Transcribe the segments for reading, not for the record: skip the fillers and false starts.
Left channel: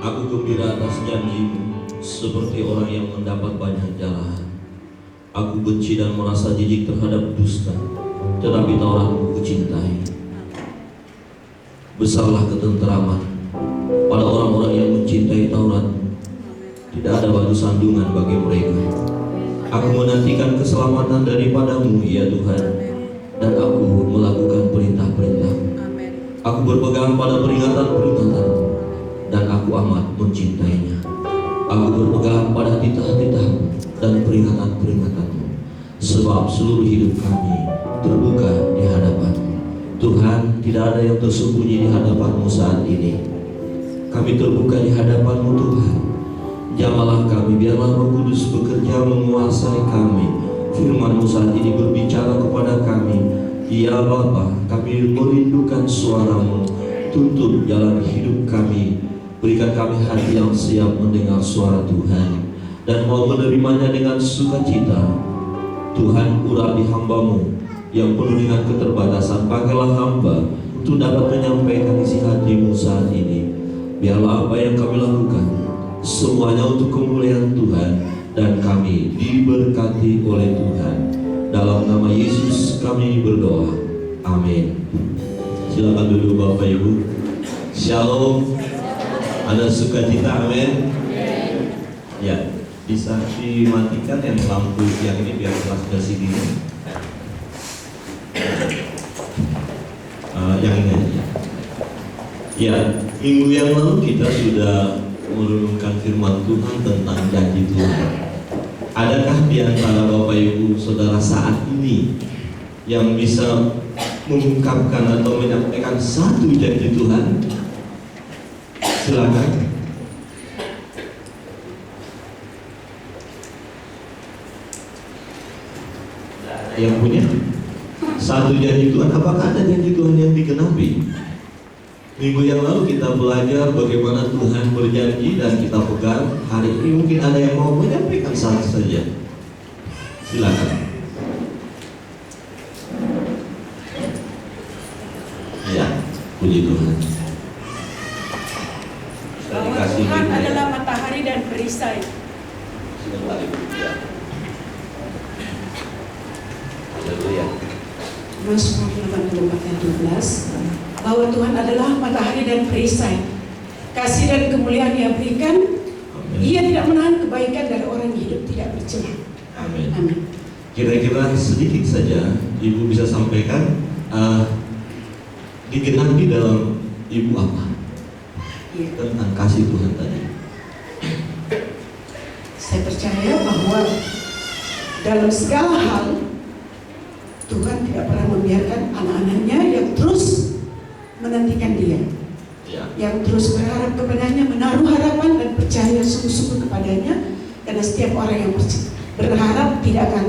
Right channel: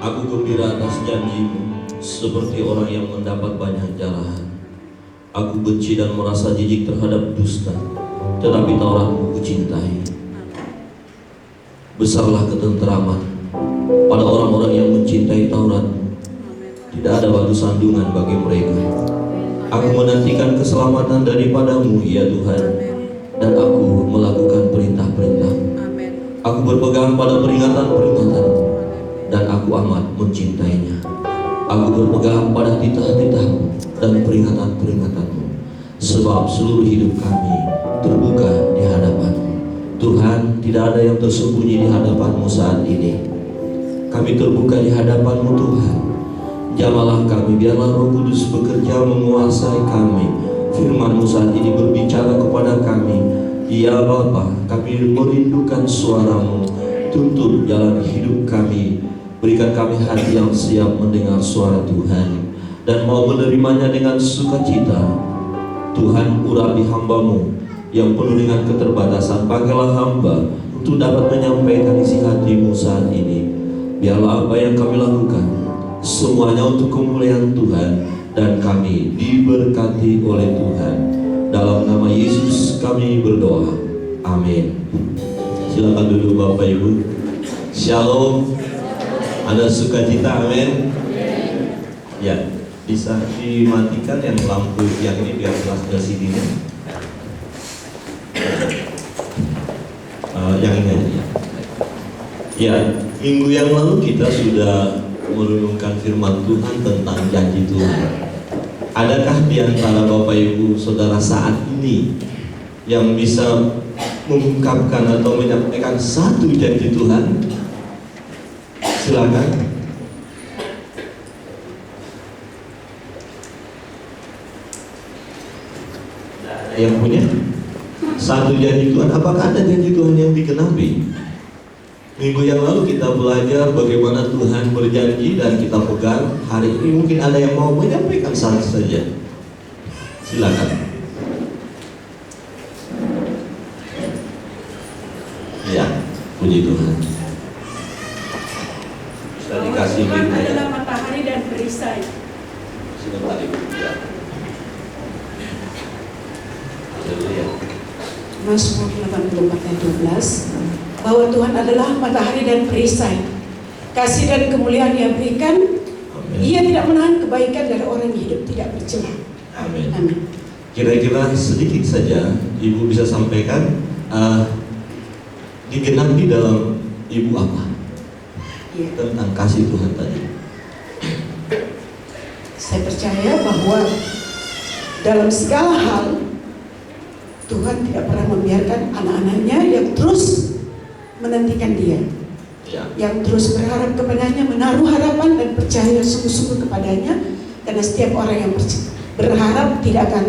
Aku gembira atas janji-Mu, seperti orang yang mendapat banyak jarahan. Aku benci dan merasa jijik terhadap dusta, tetapi Taurat-Mu kucintai. Besarlah ketenteraman pada orang-orang yang mencintai Taurat-Mu. Tidak ada batu sandungan bagi mereka. Aku menantikan keselamatan daripada-Mu, ya Tuhan, dan aku melakukan perintah-perintah-Mu. Aku berpegang pada peringatan-peringatan-Mu, dan aku amat mencintainya. Aku berpegang pada titah-titah-Mu dan peringatan-peringatan-Mu, sebab seluruh hidup kami terbuka di hadapan-Mu. Tuhan, tidak ada yang tersembunyi di hadapan-Mu saat ini. Kami terbuka di hadapan-Mu, Tuhan. Jamalah kami, biarlah Roh Kudus bekerja menguasai kami. Firman-Mu saat ini berbicara kepada kami. Ya Bapa, kami merindukan suara-Mu. Tuntun jalan hidup kami. Berikan kami hati yang siap mendengar suara Tuhan dan mau menerimanya dengan sukacita. Tuhan, urapi hamba-Mu yang penuh dengan keterbatasan. Pakailah hamba untuk dapat menyampaikan isi hati-Mu saat ini. Biarlah apa yang kami lakukan semuanya untuk kemuliaan Tuhan, dan kami diberkati oleh Tuhan. Dalam nama Yesus kami berdoa. Amin. Silakan duduk Bapak Ibu. Shalom. Ada sukacita, amin. Ya, bisa dimatikan yang lampu yang ini biar jelas dari sini. Yang ini aja. Ya, minggu yang lalu kita sudah merenungkan firman Tuhan tentang janji Tuhan. Adakah di antara Bapak Ibu Saudara saat ini yang bisa mengungkapkan atau menyampaikan satu janji Tuhan? Silakan. Yang punya satu janji Tuhan, apakah ada janji Tuhan yang dikenapi? Minggu yang lalu kita belajar bagaimana Tuhan berjanji dan kita pegang. Hari ini mungkin ada yang mau menyampaikan satu saja. Silakan. Ya, puji Tuhan. Sudah dikasih Tuhan Biblia. adalah matahari dan perisai. Sebentar Ibu. Ya. Haleluya. Mazmur 84 ayat 12, bahwa Tuhan adalah matahari dan perisai. Kasih dan kemuliaan Dia berikan. Amin. Ia tidak menahan kebaikan dari orang yang hidup tidak bercela. Amin. Amin. Kira-kira sedikit saja Ibu bisa sampaikan digenapi dalam Ibu apa? Ya. Tentang kasih Tuhan tadi. Saya percaya bahwa dalam segala hal Tuhan tidak pernah membiarkan anak-anaknya yang terus menantikan Dia, Ya. yang terus berharap kepadanya, menaruh harapan dan percaya sungguh-sungguh kepadanya. Karena setiap orang yang berharap tidak akan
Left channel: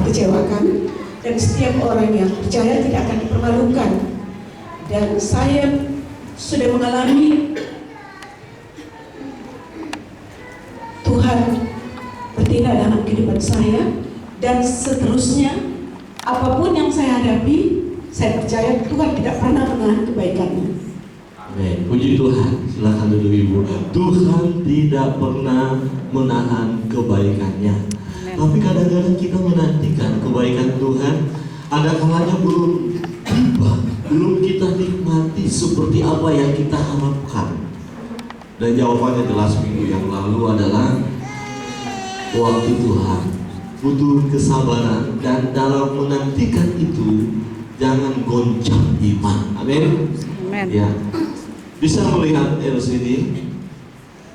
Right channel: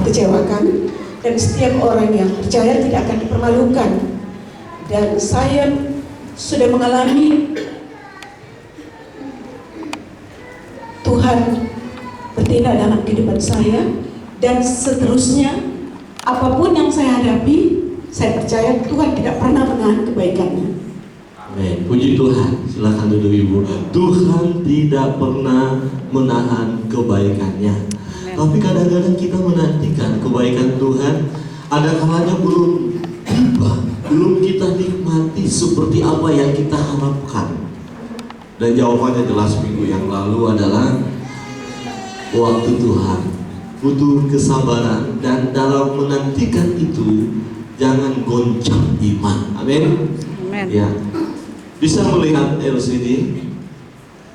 dikecewakan, dan setiap orang yang percaya tidak akan dipermalukan. Dan saya sudah mengalami Tuhan bertindak dalam kehidupan saya, dan seterusnya apapun yang saya hadapi, saya percaya Tuhan tidak pernah menahan kebaikannya. Amin. Puji Tuhan. Silakan duduk Ibu. Tuhan tidak pernah menahan kebaikannya. Tapi kadang-kadang kita menantikan kebaikan Tuhan, ada kalanya belum tiba, belum kita nikmati seperti apa yang kita harapkan. Dan jawabannya jelas minggu yang lalu adalah waktu Tuhan butuh kesabaran, dan dalam menantikan itu jangan goncang iman. Amin. Amin. Ya. Bisa melihat LCD?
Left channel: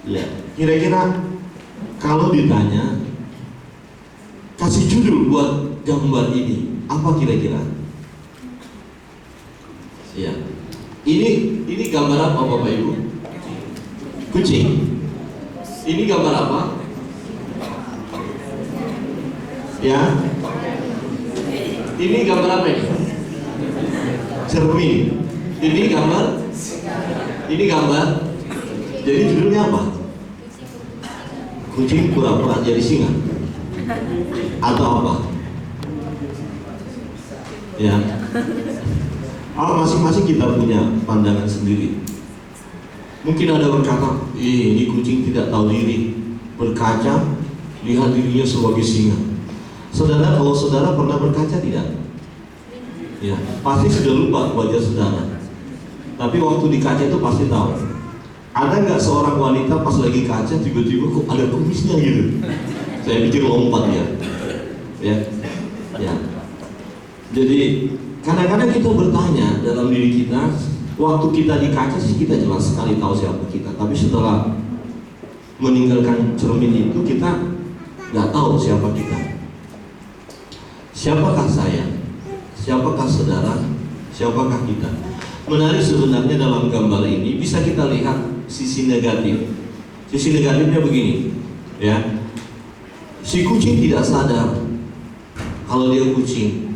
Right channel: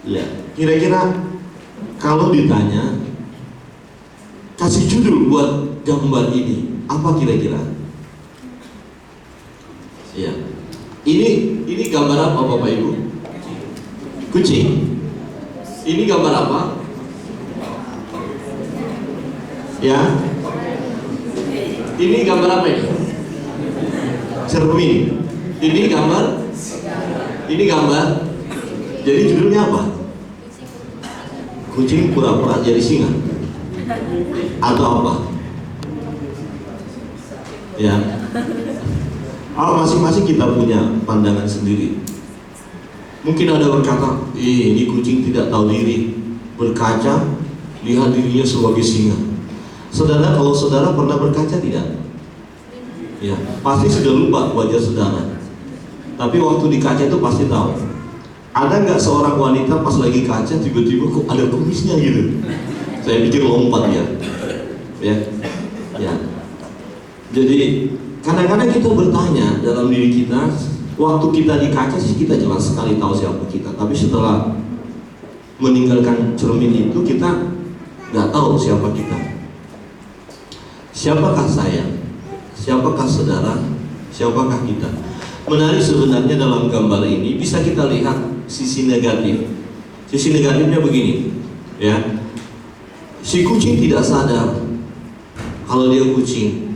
Ya. Kira-kira kalau ditanya kasih judul buat gambar ini, apa kira-kira? Ya. Ini gambar apa Bapak Ibu? Kucing. Ini gambar apa? Ya. Ini gambar apa ini? Cermin. Ini gambar. Ini gambar. Jadi judulnya apa? Kucing pura-pura jadi singa. Atau apa? Ya. Masing-masing kita punya pandangan sendiri. Mungkin ada berkata, ini kucing tidak tahu diri. Berkaca, lihat dirinya sebagai singa. Saudara, kalau saudara pernah berkaca tidak? Ya, pasti sudah lupa wajah saudara. Tapi waktu di kaca itu pasti tahu. Ada nggak seorang wanita pas lagi kaca tiba-tiba kok ada kumisnya gitu? Saya pikir lompat ya. Ya. Jadi kadang-kadang kita bertanya dalam diri kita, waktu kita di kaca sih kita jelas sekali tahu siapa kita. Tapi setelah meninggalkan cermin itu kita nggak tahu siapa kita. Siapakah saya? Siapakah saudara? Siapakah kita? Menarik sebenarnya dalam gambar ini bisa kita lihat sisi negatif. Sisi negatifnya begini, ya. Si kucing tidak sadar kalau dia kucing.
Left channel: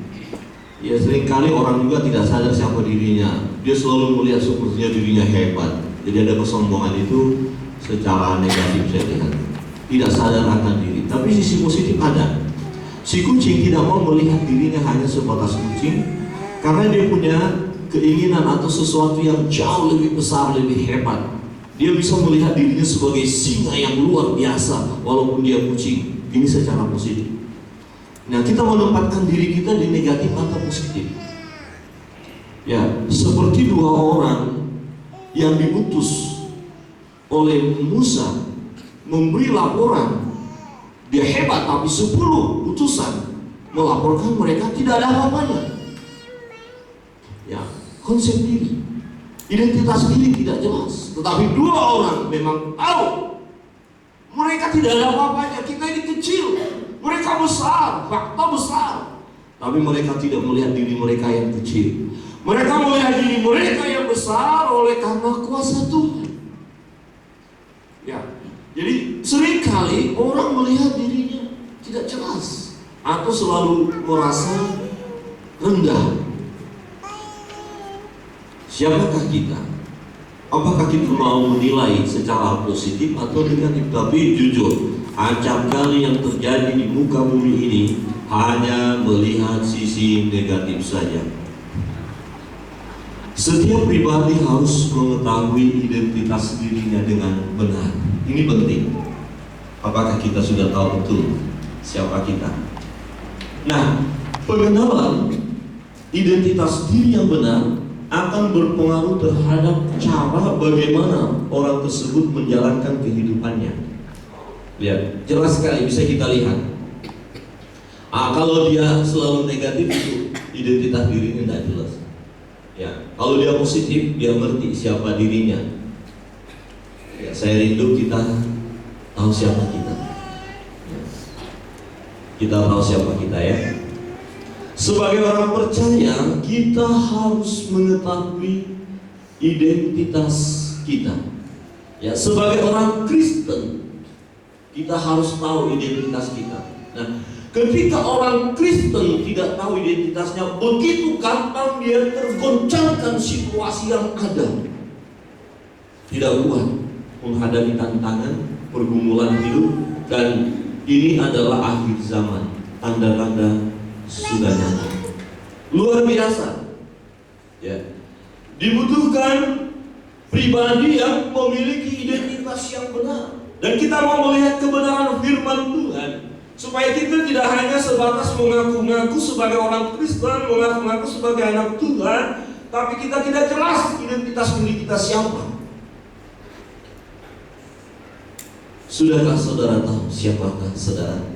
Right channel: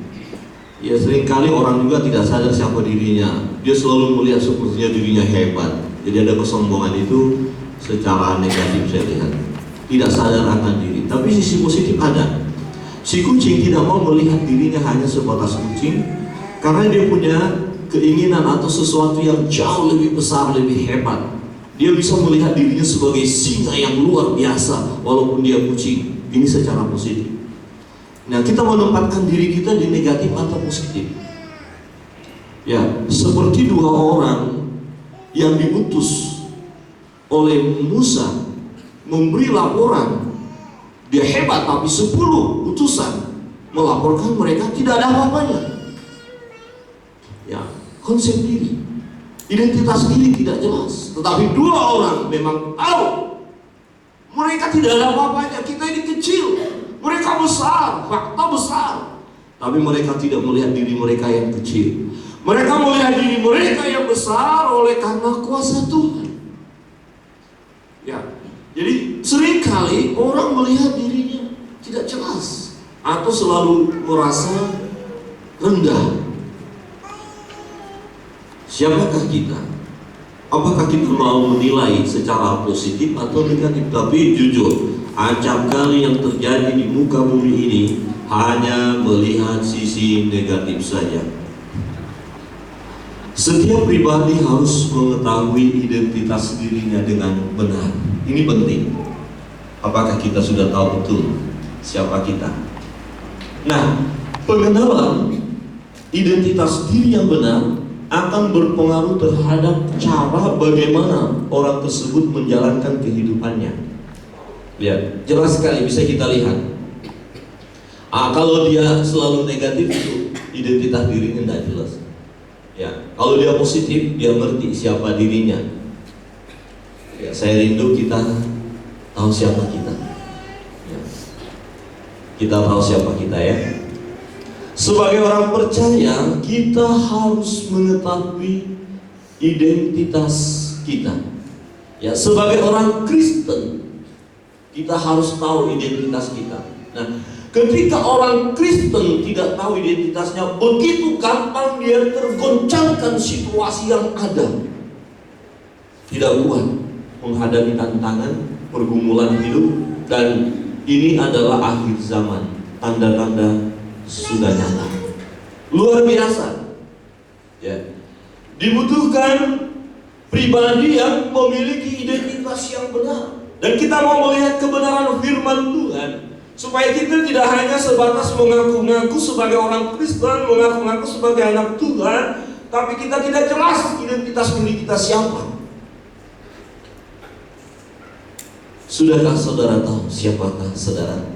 Ya seringkali orang juga tidak sadar siapa dirinya. Dia selalu melihat sepertinya dirinya hebat. Jadi ada kesombongan itu secara negatif saya lihat. Tidak sadar akan diri. Tapi sisi positif ada. Si kucing tidak mau melihat dirinya hanya sebatas kucing, karena dia punya keinginan atau sesuatu yang jauh lebih besar, lebih hebat. Dia bisa melihat dirinya sebagai singa yang luar biasa walaupun dia kucing. Ini secara positif. Nah, kita menempatkan diri kita di negatif atau positif. Ya, seperti dua orang yang diutus oleh Musa memberi laporan. Dia hebat, tapi 10 utusan melaporkan mereka tidak ada apa-apanya. Ya, konsep diri, identitas diri tidak jelas. Tetapi dua orang memang tahu mereka tidak ada apa-apanya. Kita ini kecil, mereka besar, fakta besar. Tapi mereka tidak melihat diri mereka yang kecil. Mereka melihat diri mereka yang besar oleh karena kuasa Tuhan. Ya, jadi seringkali orang melihat dirinya tidak jelas atau selalu merasa rendah. Siapakah kita? Apakah kita mau menilai secara positif atau negatif? Tapi jujur, acap kali yang terjadi di muka bumi ini hanya melihat sisi negatif saja. Setiap pribadi harus mengetahui identitas dirinya dengan benar. Ini penting. Apakah kita sudah tahu betul siapa kita? Nah, pengenalan identitas diri yang benar akan berpengaruh terhadap cara bagaimana orang tersebut menjalankan kehidupannya. Lihat, jelas sekali bisa kita lihat. Kalau dia selalu negatif itu identitas dirinya tidak jelas. Ya, kalau dia positif, dia ngerti siapa dirinya. Ya, saya rindu kita tahu siapa kita. Ya. Kita tahu siapa kita ya. Sebagai orang percaya, kita harus mengetahui identitas kita. Ya, sebagai orang Kristen, kita harus tahu identitas kita. Nah, ketika orang Kristen tidak tahu identitasnya, begitu gampang dia tergoncangkan situasi yang ada. Tidak kuat menghadapi tantangan, pergumulan hidup, dan ini adalah akhir zaman. Tanda-tanda sudah nyata. Luar biasa. Ya. Dibutuhkan pribadi yang memiliki identitas yang benar. Dan kita mau melihat kebenaran firman Tuhan, supaya kita tidak hanya sebatas mengaku-ngaku sebagai orang Kristen, mengaku-ngaku sebagai anak Tuhan, tapi kita tidak jelas identitas diri kita siapa. Sudahkah saudara tahu siapakah saudara?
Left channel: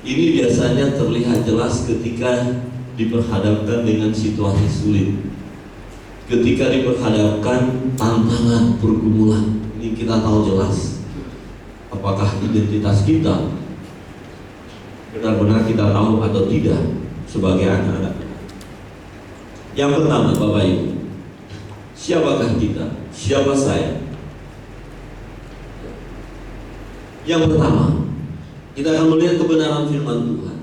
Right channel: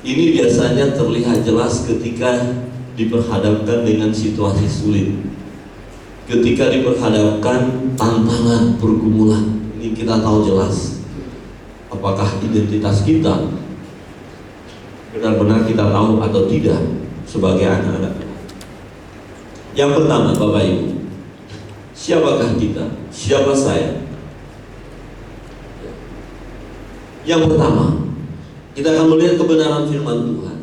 Ini biasanya terlihat jelas ketika diperhadapkan dengan situasi sulit. Ketika diperhadapkan tantangan, pergumulan. Ini kita tahu jelas apakah identitas kita benar-benar kita tahu atau tidak sebagai anak-anak. Yang pertama, Bapak Ibu, siapakah kita? Siapa saya? Yang pertama, kita akan melihat kebenaran firman Tuhan.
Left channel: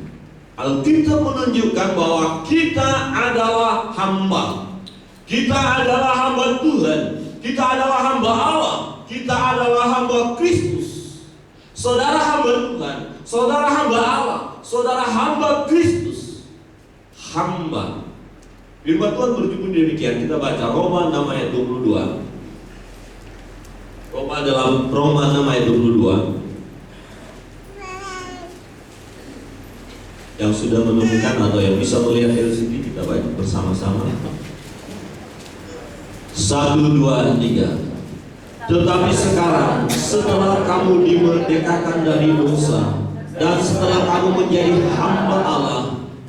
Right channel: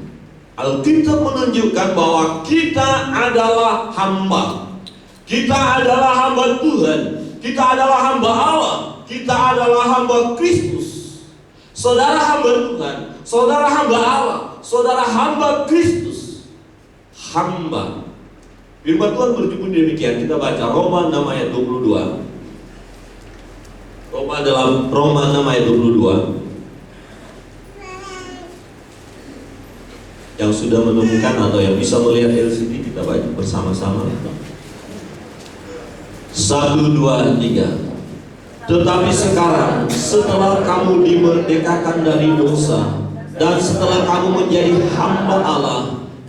Alkitab menunjukkan bahwa kita adalah hamba. Kita adalah hamba Tuhan. Kita adalah hamba Allah. Kita adalah hamba Kristus. Saudara hamba Tuhan, saudara hamba Allah, saudara hamba Kristus. Hamba. Firman Tuhan berjudul demikian. Kita baca Roma 6 ayat 22. dalam Roma 6 ayat 22. Yang sudah menemukan atau yang bisa melihat LCD, kita baca bersama-sama. 1, 2, 3. Tetapi sekarang, setelah kamu dimerdekakan dari dosa, dan setelah kamu menjadi hamba Allah,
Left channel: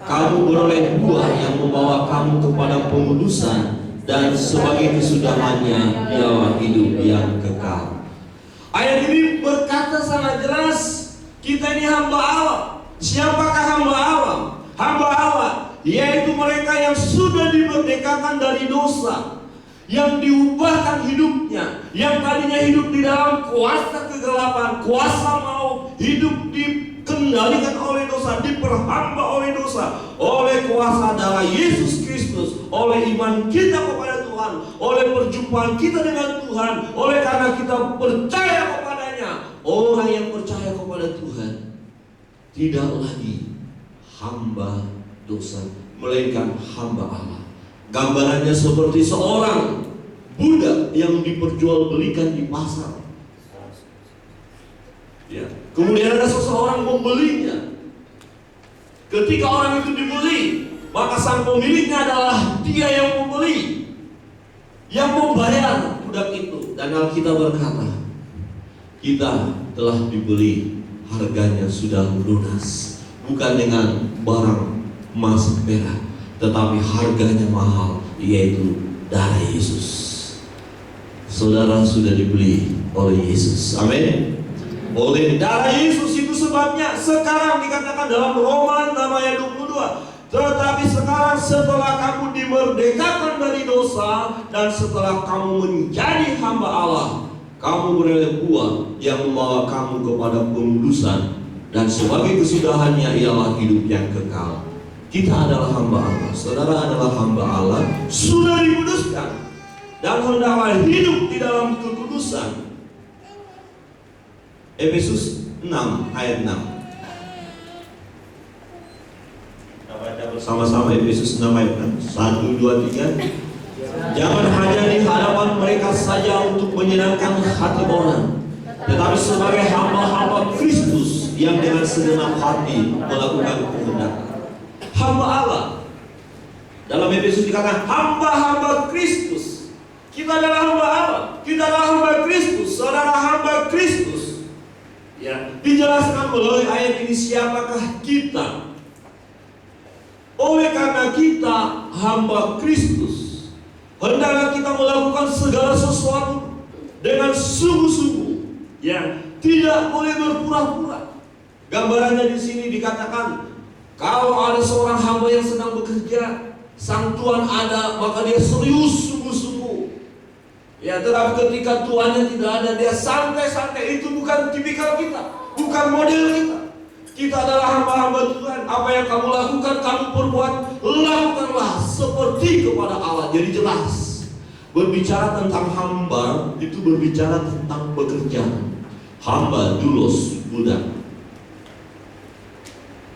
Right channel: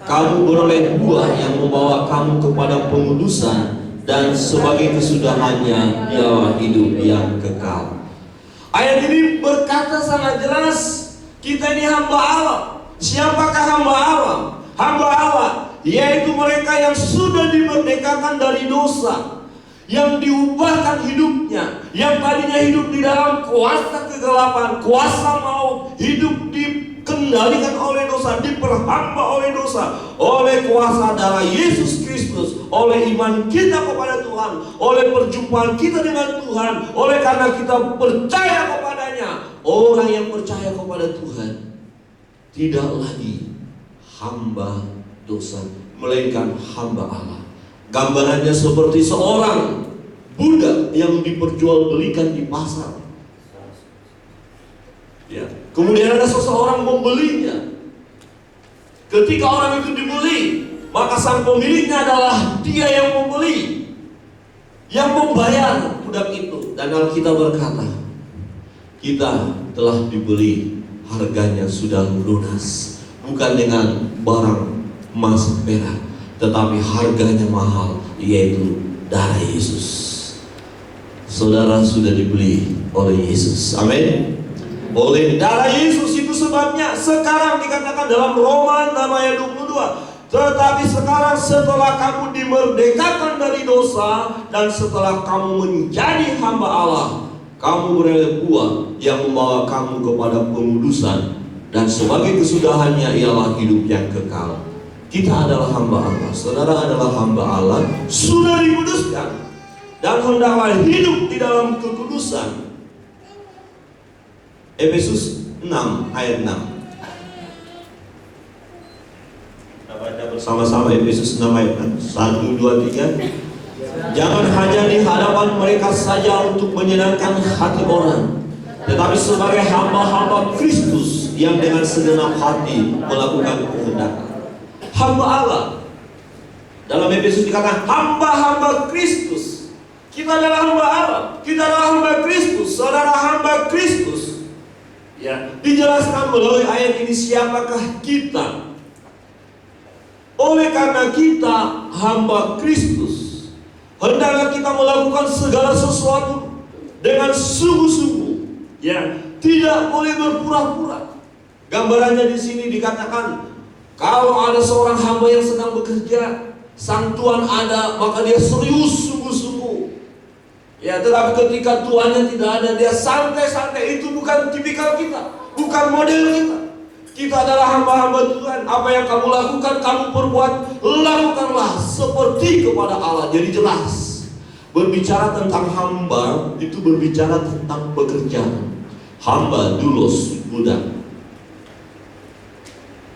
kamu beroleh buah yang membawa kamu kepada pengudusan, dan sebagai kesudahannya ialah hidup yang kekal. Ayat ini berkata sangat jelas, kita ini hamba Allah. Siapakah hamba Allah? Hamba Allah yaitu mereka yang sudah dimerdekakan dari dosa, yang diubahkan hidupnya, yang tadinya hidup di dalam kuasa kegelapan, kuasa maut, hidup dikendalikan oleh dosa, diperhamba oleh dosa, oleh kuasa darah Yesus Kristus, oleh iman kita kepada Tuhan, oleh perjumpaan kita dengan Tuhan, oleh karena kita percaya kepadanya. Orang yang percaya kepada Tuhan tidak lagi hamba dosa, melainkan hamba Allah. Gambarannya seperti seorang budak yang diperjualbelikan di pasar. Ya. Kemudian ada seseorang membelinya. Ketika orang itu dibeli, maka sang pemiliknya adalah dia yang membeli, yang membayar budak itu. Dan Alkitab berkata, kita telah dibeli, harganya sudah lunas, bukan dengan barang emas perak, tetapi harganya mahal, yaitu darah Yesus. Saudara sudah dibeli oleh Yesus. Amin. Oleh darah Yesus, itu sebabnya sekarang dikatakan dalam Roma 6 ayat 22. Tetapi sekarang setelah kamu dimerdekakan dari dosa, dan setelah kamu menjadi hamba Allah, kamu beroleh buah yang membawa kamu kepada pengudusan, dan sebagai kesudahannya ialah hidup yang kekal. Kita adalah hamba Allah. Saudara adalah hamba Allah, sudah dikuduskan, dan hendaklah hidup di dalam kekudusan. Efesus 6 ayat 6. Kita baca bersama-sama Efesus 6 ayat 6. 1, 2, 3. Jangan hanya di hadapan mereka saja untuk menyenangkan hati orang, tetapi sebagai hamba-hamba Kristus yang dengan segenap hati melakukan kehendak hamba Allah. Dalam Efesus dikatakan hamba-hamba Kristus. Kita adalah hamba Allah, kita adalah hamba Kristus, saudara hamba Kristus. Ya, dijelaskan melalui ayat ini siapakah kita. Oleh karena kita hamba Kristus, hendaklah kita melakukan segala sesuatu dengan sungguh-sungguh. Ya, tidak boleh berpura-pura. Gambarannya di sini dikatakan, kalau ada seorang hamba yang sedang bekerja, sang tuan ada, maka dia serius sungguh-sungguh. Ya, tetapi ketika tuannya tidak ada, dia santai-santai. Itu bukan tipikal kita, bukan model kita. Kita adalah hamba-hamba Tuhan. Apa yang kamu lakukan, kamu perbuat, lakukanlah seperti kepada Allah. Jadi jelas. Berbicara tentang hamba, itu berbicara tentang pekerjaan. Hamba, doulos, budak.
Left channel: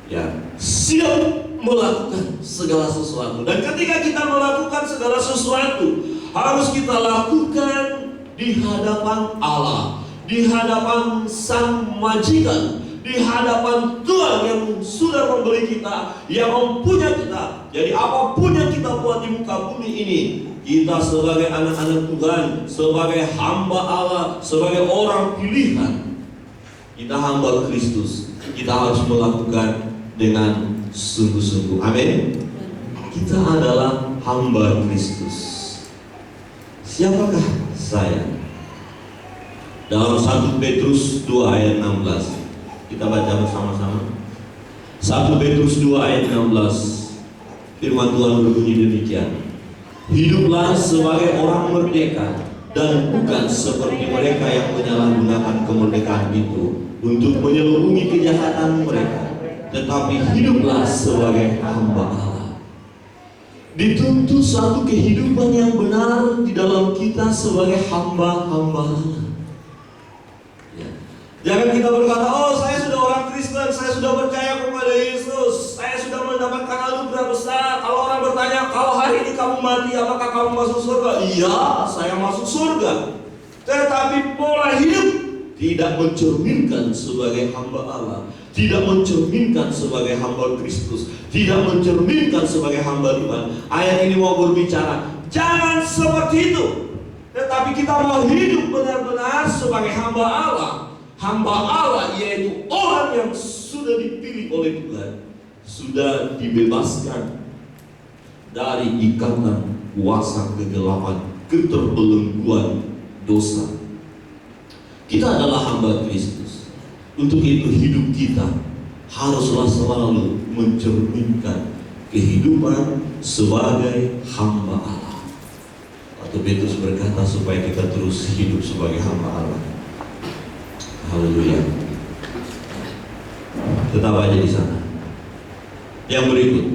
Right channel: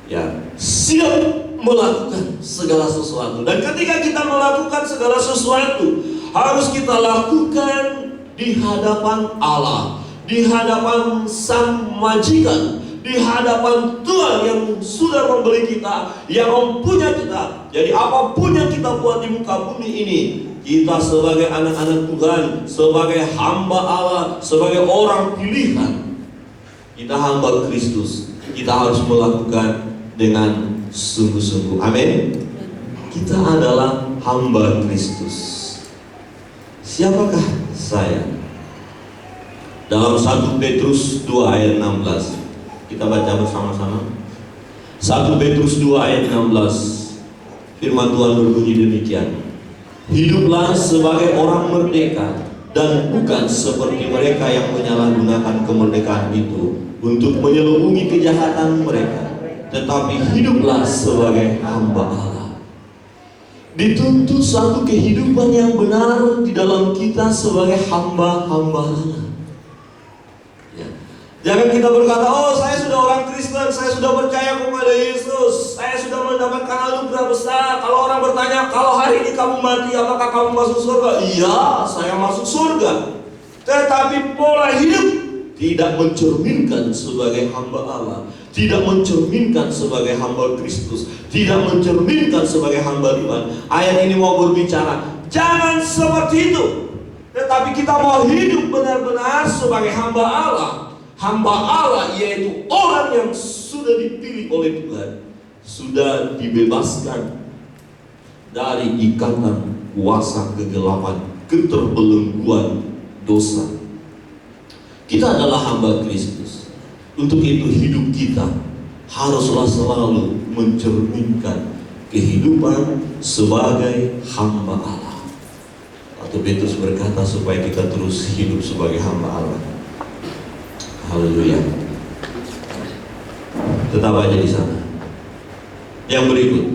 Ya, siap melakukan segala sesuatu. Dan ketika kita melakukan segala sesuatu, harus kita lakukan di hadapan Allah, di hadapan Sang Majikan, di hadapan Tuhan yang sudah membeli kita, yang mempunyai kita. Jadi apapun yang kita buat di muka bumi ini, kita sebagai anak-anak Tuhan, sebagai hamba Allah, sebagai orang pilihan, kita hamba Kristus, kita harus melakukan dengan sungguh-sungguh. Amin. Kita adalah hamba Kristus. Siapakah saya? Dalam 1 Petrus 2 ayat 16, kita baca bersama-sama. 1 Petrus 2 ayat 16, firman Tuhan berbunyi demikian. Hiduplah sebagai orang merdeka, dan bukan seperti mereka yang menyalahgunakan kemerdekaan itu untuk menyelubungi kejahatan mereka, tetapi hiduplah sebagai hamba Allah. Dituntut satu kehidupan yang benar di dalam kita sebagai hamba-hamba Allah. Ya. Jangan kita berkata, oh saya sudah orang Kristen, saya sudah percaya kepada Yesus, saya sudah mendapatkan anugerah besar. Kalau orang bertanya, kalau hari ini kamu mati, apakah kamu masuk surga? Iya, saya masuk surga. tetapi pola hidup tidak mencerminkan sebagai hamba Allah, tidak mencerminkan sebagai hamba Kristus, tidak mencerminkan sebagai hamba Tuhan. Ayat ini mau berbicara, jangan seperti itu, tetapi kita mau hidup benar-benar sebagai hamba Allah. Hamba Allah yaitu orang yang sudah dipilih oleh Tuhan, sudah dibebaskan dari ikatan kuasa kegelapan, keterbelengguan dosa. Kita adalah hamba Kristus. Untuk itu hidup kita haruslah selalu mencerminkan kehidupan sebagai hamba Allah. Atau Petrus berkata supaya kita terus hidup sebagai hamba Allah. Haleluya. Tetap aja di sana. Yang berikut,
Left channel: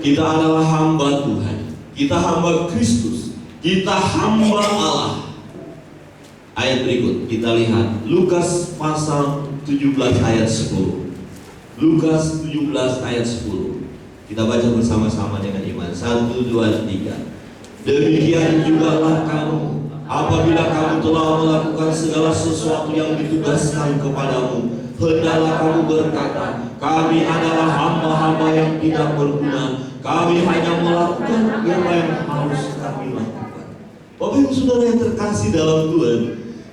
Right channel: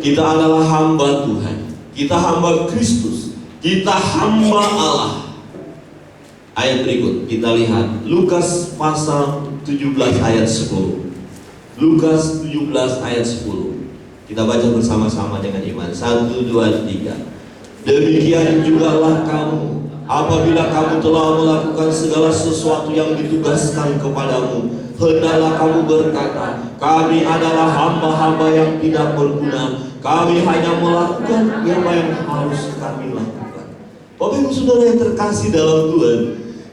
kita adalah hamba Tuhan, kita hamba Kristus, kita hamba Allah. Ayat berikut kita lihat Lukas pasal 17 ayat 10. Lukas 17 ayat 10. Kita baca bersama-sama dengan iman. 1, 2, 3. Demikian jugalah kamu apabila kamu telah melakukan segala sesuatu yang ditugaskan kepadamu, hendaklah kamu berkata, kami adalah hamba-hamba yang tidak berguna. Kami hanya melakukan apa yang harus kami lakukan. Bapak Ibu Saudara yang terkasih dalam Tuhan,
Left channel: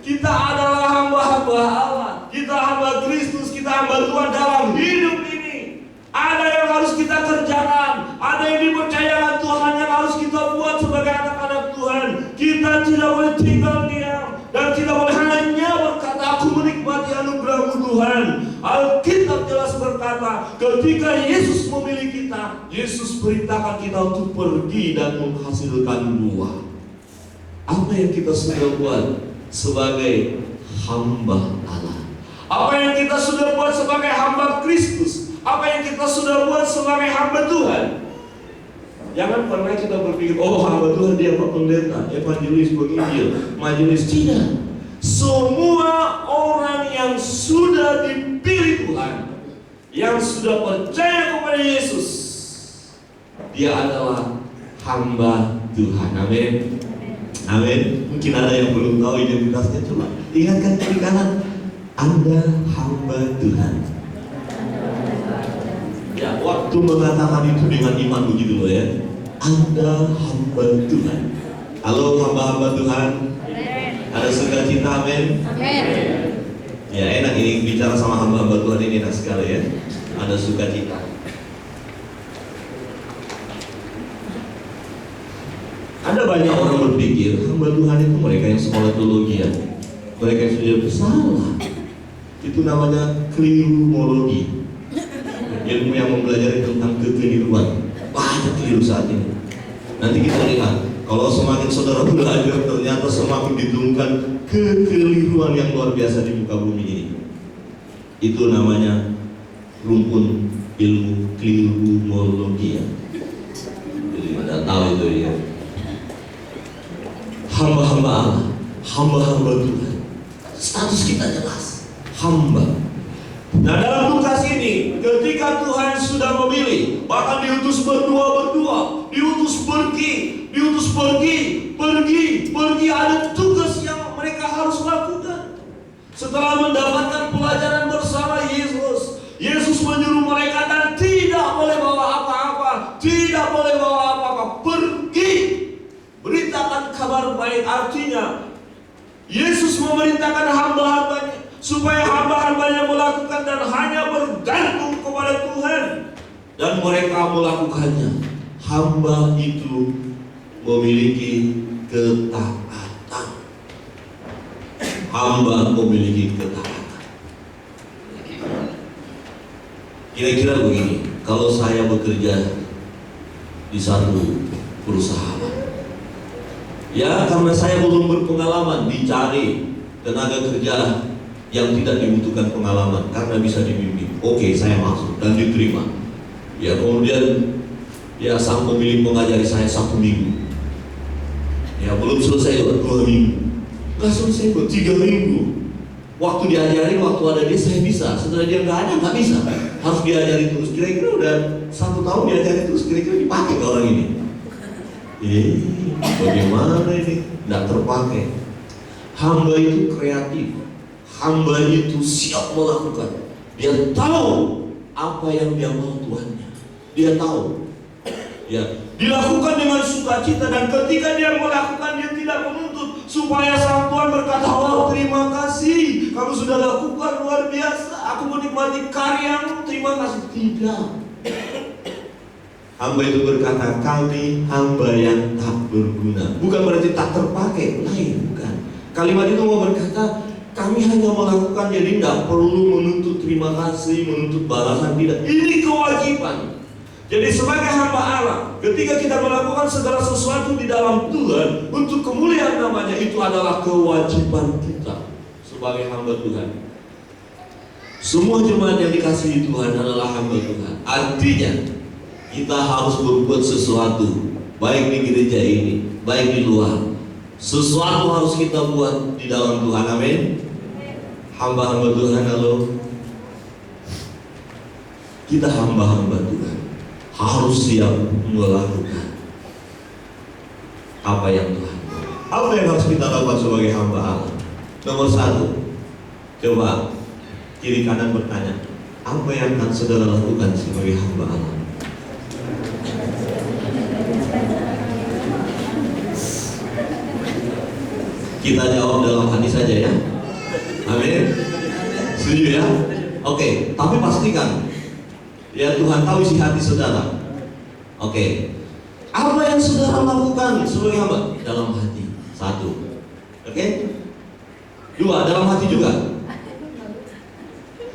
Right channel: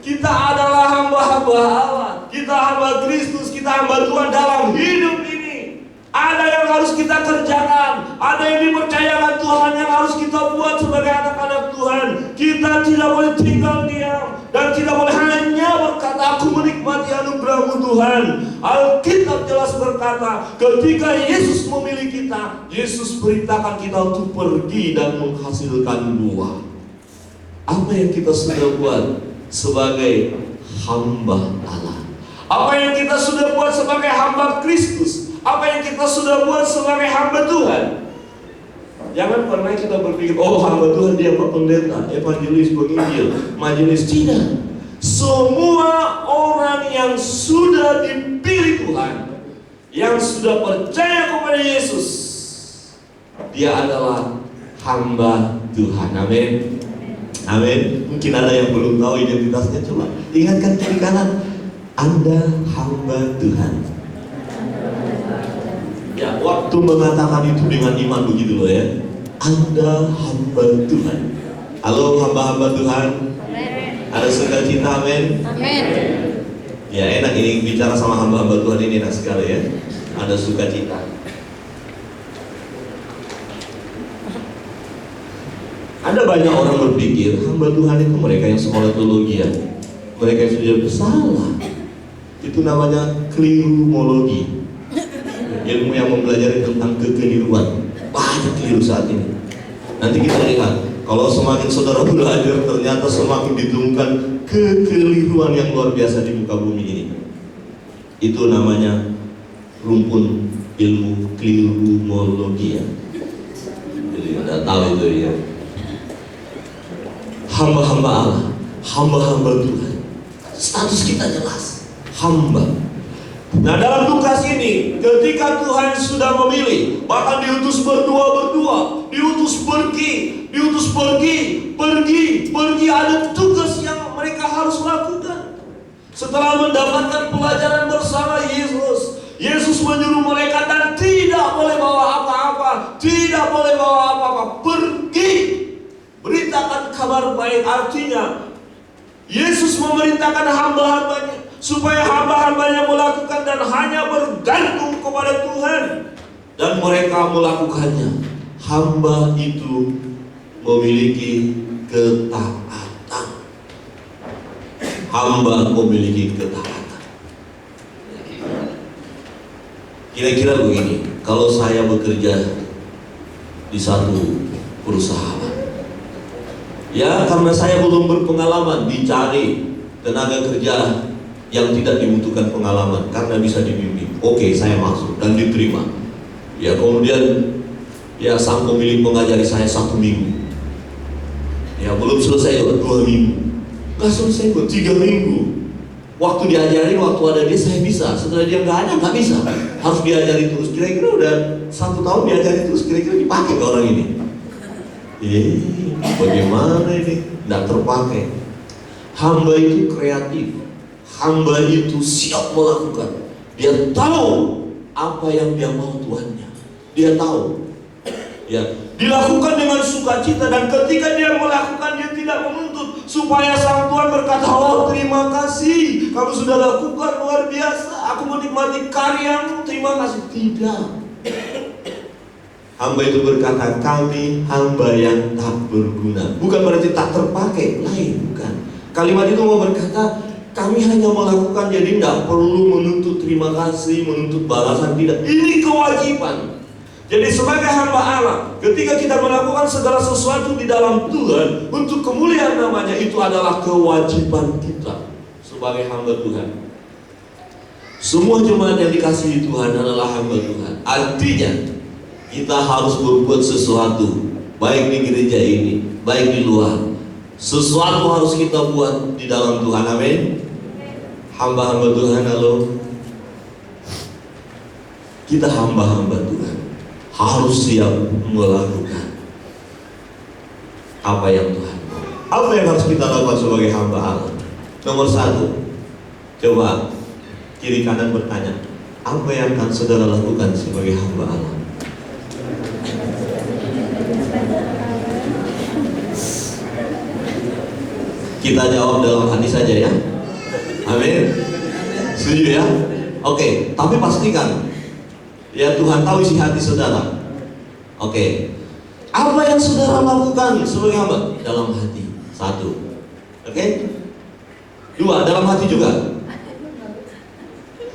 kita adalah hamba-hamba Allah, kita hamba Kristus, kita hamba Tuhan dalam hidup ini. Ada yang harus kita kerjakan, ada yang dipercayakan Tuhan yang harus kita buat sebagai anak-anak Tuhan. Kita tidak boleh tinggal diam dan tidak boleh hanya berkata, aku menikmati anugerah-Mu Tuhan. Alkitab jelas berkata, ketika Yesus memilih kita, Yesus perintahkan kita untuk pergi dan menghasilkan buah. Apa yang kita sudah buat sebagai hamba Allah? Apa yang kita sudah buat sebagai hamba Kristus? Apa yang kita sudah buat sebagai hamba Tuhan? Jangan pernah kita berpikir, oh hamba Tuhan dia Pak Pendeta, evangelis, penginjil, majelis. Tidak. Semua orang yang sudah dipilih Tuhan, yang sudah percaya kepada Yesus, dia adalah hamba Tuhan. Amin. Amin. Mungkin ada yang belum tahu identitasnya, coba ingatkan kiri kanan, Anda hamba Tuhan. Ya, waktu mengatakan itu dengan iman begitu loh ya. Anda hamba Tuhan. Halo hamba-hamba Tuhan. Ada sukacita, amin. Amin. Ya enak ini bicara sama hamba-hamba Tuhan ini, enak sekali ya. Ada sukacita. Ada banyak orang berpikir hamba Tuhan itu mereka yang sekolah teologi ya, mereka yang sudah bersalah. Itu namanya keliruologi, ilmu yang mempelajari tentang kekeliruan. Banyak keliru saat ini. Nanti kita lihat, kalau semakin saudara belajar, ternyata semakin ditemukan kekeliruan yang luar biasa di muka bumi ini. Itu namanya rumpun ilmu keliruologi ya. Jadi Anda tahu itu ya. Hamba-hamba Allah, hamba-hamba Tuhan. Status kita jelas, hamba. Nah dalam Lukas ini, ketika Tuhan sudah memilih, bahkan diutus berdua-berdua, diutus pergi, ada tugas yang mereka harus lakukan. Setelah mendapatkan pelajaran bersama Yesus, Yesus menyuruh mereka dan tidak boleh bawa apa-apa, pergi, beritakan kabar baik. Artinya, Yesus memerintahkan hamba-hambanya supaya hamba-hambanya melakukan dan hanya bergantung kepada Tuhan, dan mereka melakukannya. Hamba itu memiliki ketaatan. Hamba memiliki ketaatan. Kira-kira begini, kalau saya bekerja di satu perusahaan, ya karena saya belum berpengalaman, dicari tenaga kerja yang tidak dibutuhkan pengalaman karena bisa dibimbing. Oke, saya masuk dan diterima. Ya kemudian ya sang pemilik mengajari saya 1 minggu. Ya belum selesai 2 minggu. Nggak selesai 3 minggu. Waktu diajari, waktu ada dia saya bisa. Setelah dia nggak ada, nggak bisa. Harus diajari terus. Kira-kira udah 1 tahun diajari terus. Kira-kira dipakai ke orang ini. Bagaimana ini? Tidak terpakai. Hamba itu kreatif. Hamba itu siap melakukan. Dia tahu apa yang dia mau Tuhannya. Dia tahu. Ya, dilakukan dengan sukacita, dan ketika dia melakukan, dia tidak menuntut supaya sang Tuhan berkata, "Oh, terima kasih, kamu sudah lakukan luar biasa. Aku menikmati karyamu, terima kasih." Tidak. Hamba itu berkata, "Kami hamba yang tak berguna." Bukan berarti tak terpakai, lain, bukan. Kalimat itu mau berkata, kami hanya melakukan, jadi tidak perlu menuntut terima kasih, menuntut balasan, tidak. Ini kewajiban. Jadi sebagai hamba Allah, ketika kita melakukan segala sesuatu di dalam Tuhan untuk kemuliaan namanya, itu adalah kewajiban kita sebagai hamba Tuhan. Semua jemaat yang dikasihi Tuhan adalah hamba Tuhan. Artinya kita harus berbuat sesuatu, baik di gereja ini, baik di luar. Sesuatu harus kita buat di dalam Tuhan. Amin. Hamba-hamba Tuhan, halo. Kita hamba-hamba Tuhan harus siap melakukan apa yang Tuhan mau. Apa yang harus kita lakukan sebagai hamba Allah? Nomor 1, coba kiri kanan bertanya, apa yang akan saudara lakukan sebagai hamba Allah? Kita jawab dalam hati saja ya. Amin. Setuju ya? Oke, tapi pastikan ya Tuhan tahu isi hati saudara. Oke. Apa yang saudara lakukan sebagai hamba? Dalam hati. 1. Oke? 2, dalam hati juga.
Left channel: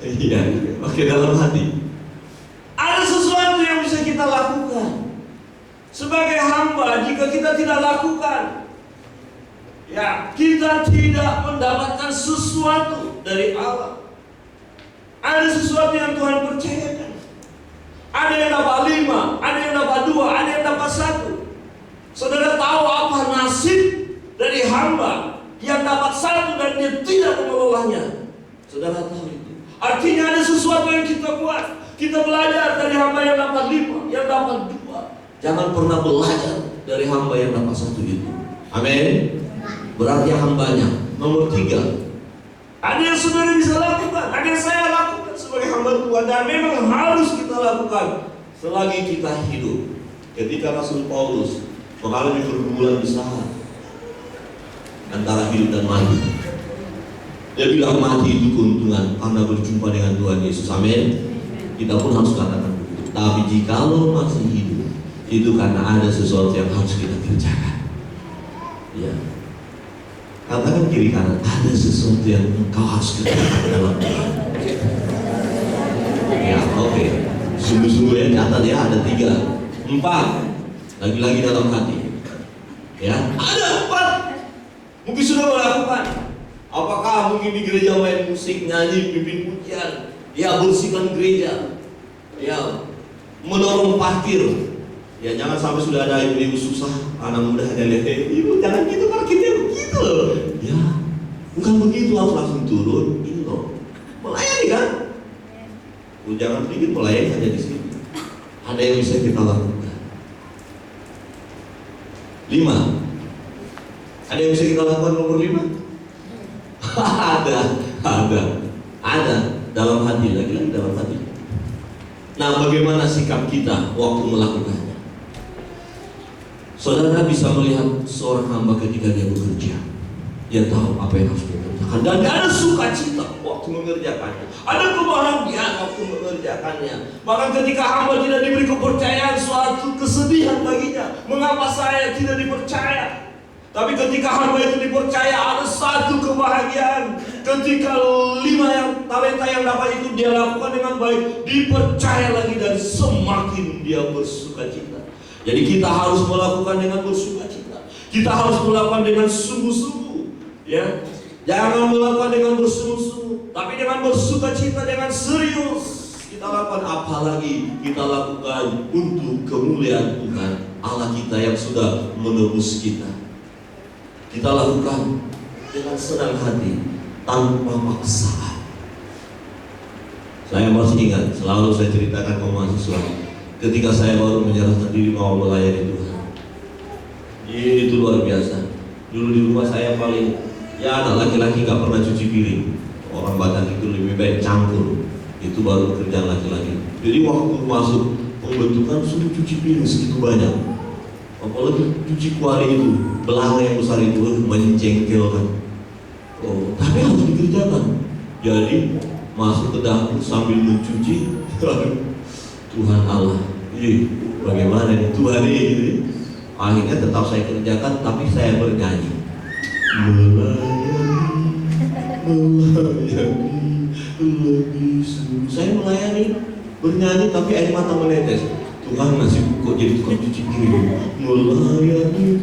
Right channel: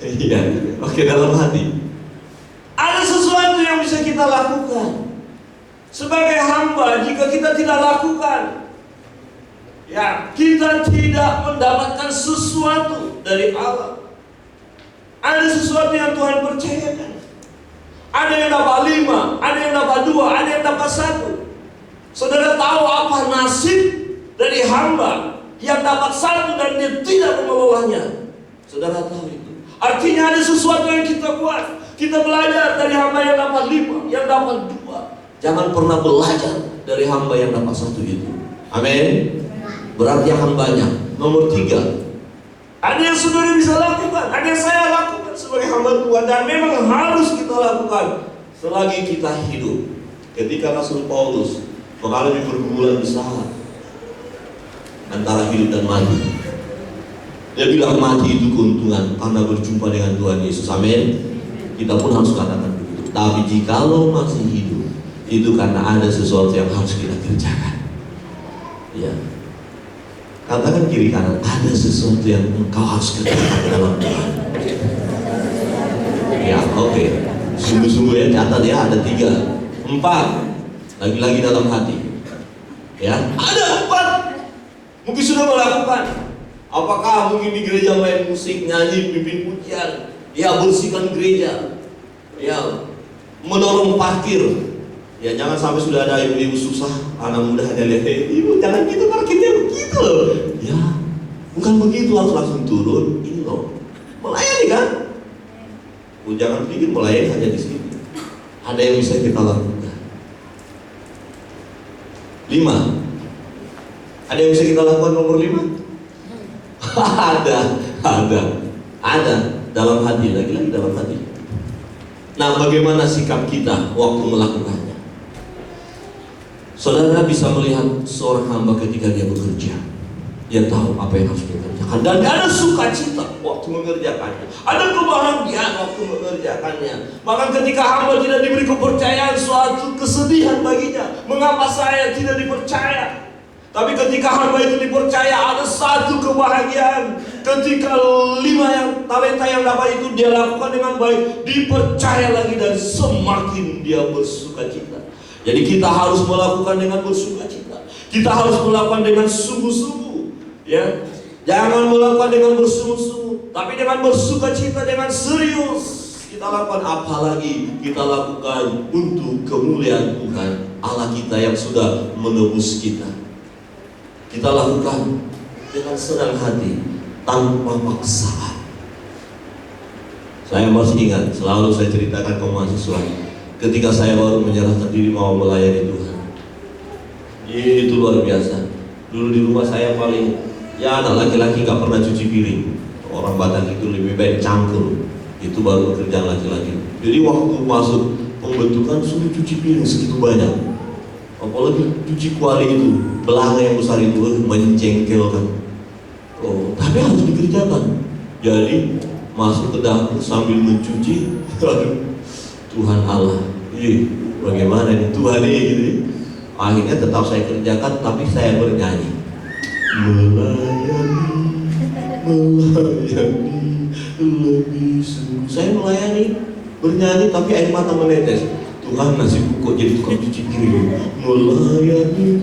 Iya. Oke, dalam hati. Ada sesuatu yang bisa kita lakukan sebagai hamba. Jika kita tidak lakukan, ya, kita tidak mendapatkan sesuatu dari Allah. Ada sesuatu yang Tuhan percayakan. Ada yang dapat 5, ada yang dapat 2, ada yang dapat 1. Saudara tahu apa nasib dari hamba yang dapat 1 dan dia tidak mengelolanya? Saudara tahu itu. Artinya ada sesuatu yang kita buat. Kita belajar dari hamba yang dapat 5, yang dapat 2. Jangan pernah belajar dari hamba yang dapat 1 itu. Amin. Berarti hambanya. Nomor 3, ada yang saudara bisa lakukan, ada yang saya lakukan sebagai hamba Tuhan, dan memang harus kita lakukan selagi kita hidup. Ketika Rasul Paulus mengalami pergumulan besar antara hidup dan mati, dia bilang mati itu keuntungan karena berjumpa dengan Tuhan Yesus. Amin. Kita pun harus katakan begitu. Tapi jikalau masih hidup, itu karena ada sesuatu yang harus kita kerjakan. Ya. Katakan kiri kanan, ada sesuatu yang engkau harus kerjakan dalam Tuhan. Ya, oke. Sungguh-sungguh ya, catat ya, ada 3, 4. Lagi-lagi dalam hati. Ya, ada 4. Mungkin sudah melakukan. Apakah mungkin di gereja main musik, nyanyi, pimpin pujian, ya bersihkan gereja, ya mendorong parkir. Ya jangan sampai sudah ada ibu-ibu susah, anak muda ada lihat, ibu jangan gitu, parkirnya begitu loh. Ya, bukan begitu, harus langsung turun. Ini loh, melayani kan? Jangan pikir melayani hanya di sini. Ada yang bisa kita lakukan. 5. Ada yang bisa kita lakukan nomor 5? Ada dalam hati, lagi-lagi dalam hati. Nah, bagaimana sikap kita waktu melakukannya? Saudara bisa melihat seorang hamba ketika dia bekerja, dia tahu apa yang harus dia kerjakan, dan ada sukacita waktu mengerjakannya, ada kebahagiaan waktu mengerjakannya. Bahkan ketika hamba tidak diberi kepercayaan, suatu kesedihan baginya, mengapa saya tidak dipercaya? Tapi ketika hamba itu dipercaya, ada satu kebahagiaan. Ketika 5 yang talenta yang dapat itu dia lakukan dengan baik, dipercaya lagi dan semakin dia bersukacita. Jadi kita harus melakukan dengan bersukacita. Kita harus melakukan dengan sungguh-sungguh. Ya, jangan melakukan dengan bersungguh-sungguh, tapi dengan bersukacita, dengan serius. Kita lakukan, apalagi kita lakukan untuk kemuliaan Tuhan Allah kita yang sudah menebus kita. Kita lakukan dengan senang hati, tanpa paksaan. Saya masih ingat, selalu saya ceritakan ke mahasiswa, ketika saya baru menyerahkan diri mau melayani Tuhan. Itu luar biasa. Dulu di rumah saya paling, ya anak laki-laki gak pernah cuci piring. Orang Batak itu lebih baik cangkul. Itu baru kerjaan laki-laki. Jadi waktu masuk pembentukan suruh cuci piring segitu banyak. Apalagi cuci kuali itu, belanga yang besar itu menjengkelkan. Oh, tapi harus dikerjakan. Jadi masuk ke dapur sambil mencuci. Tuhan Allah, bagaimana ini Tuhan ini gitu. Akhirnya tetap saya kerjakan, tapi saya bernyanyi. Melayani lebih sungguh. Saya melayani, bernyanyi, tapi air mata menetes. Tuhan nasib kok jadi tukang cuci piring. Melayani.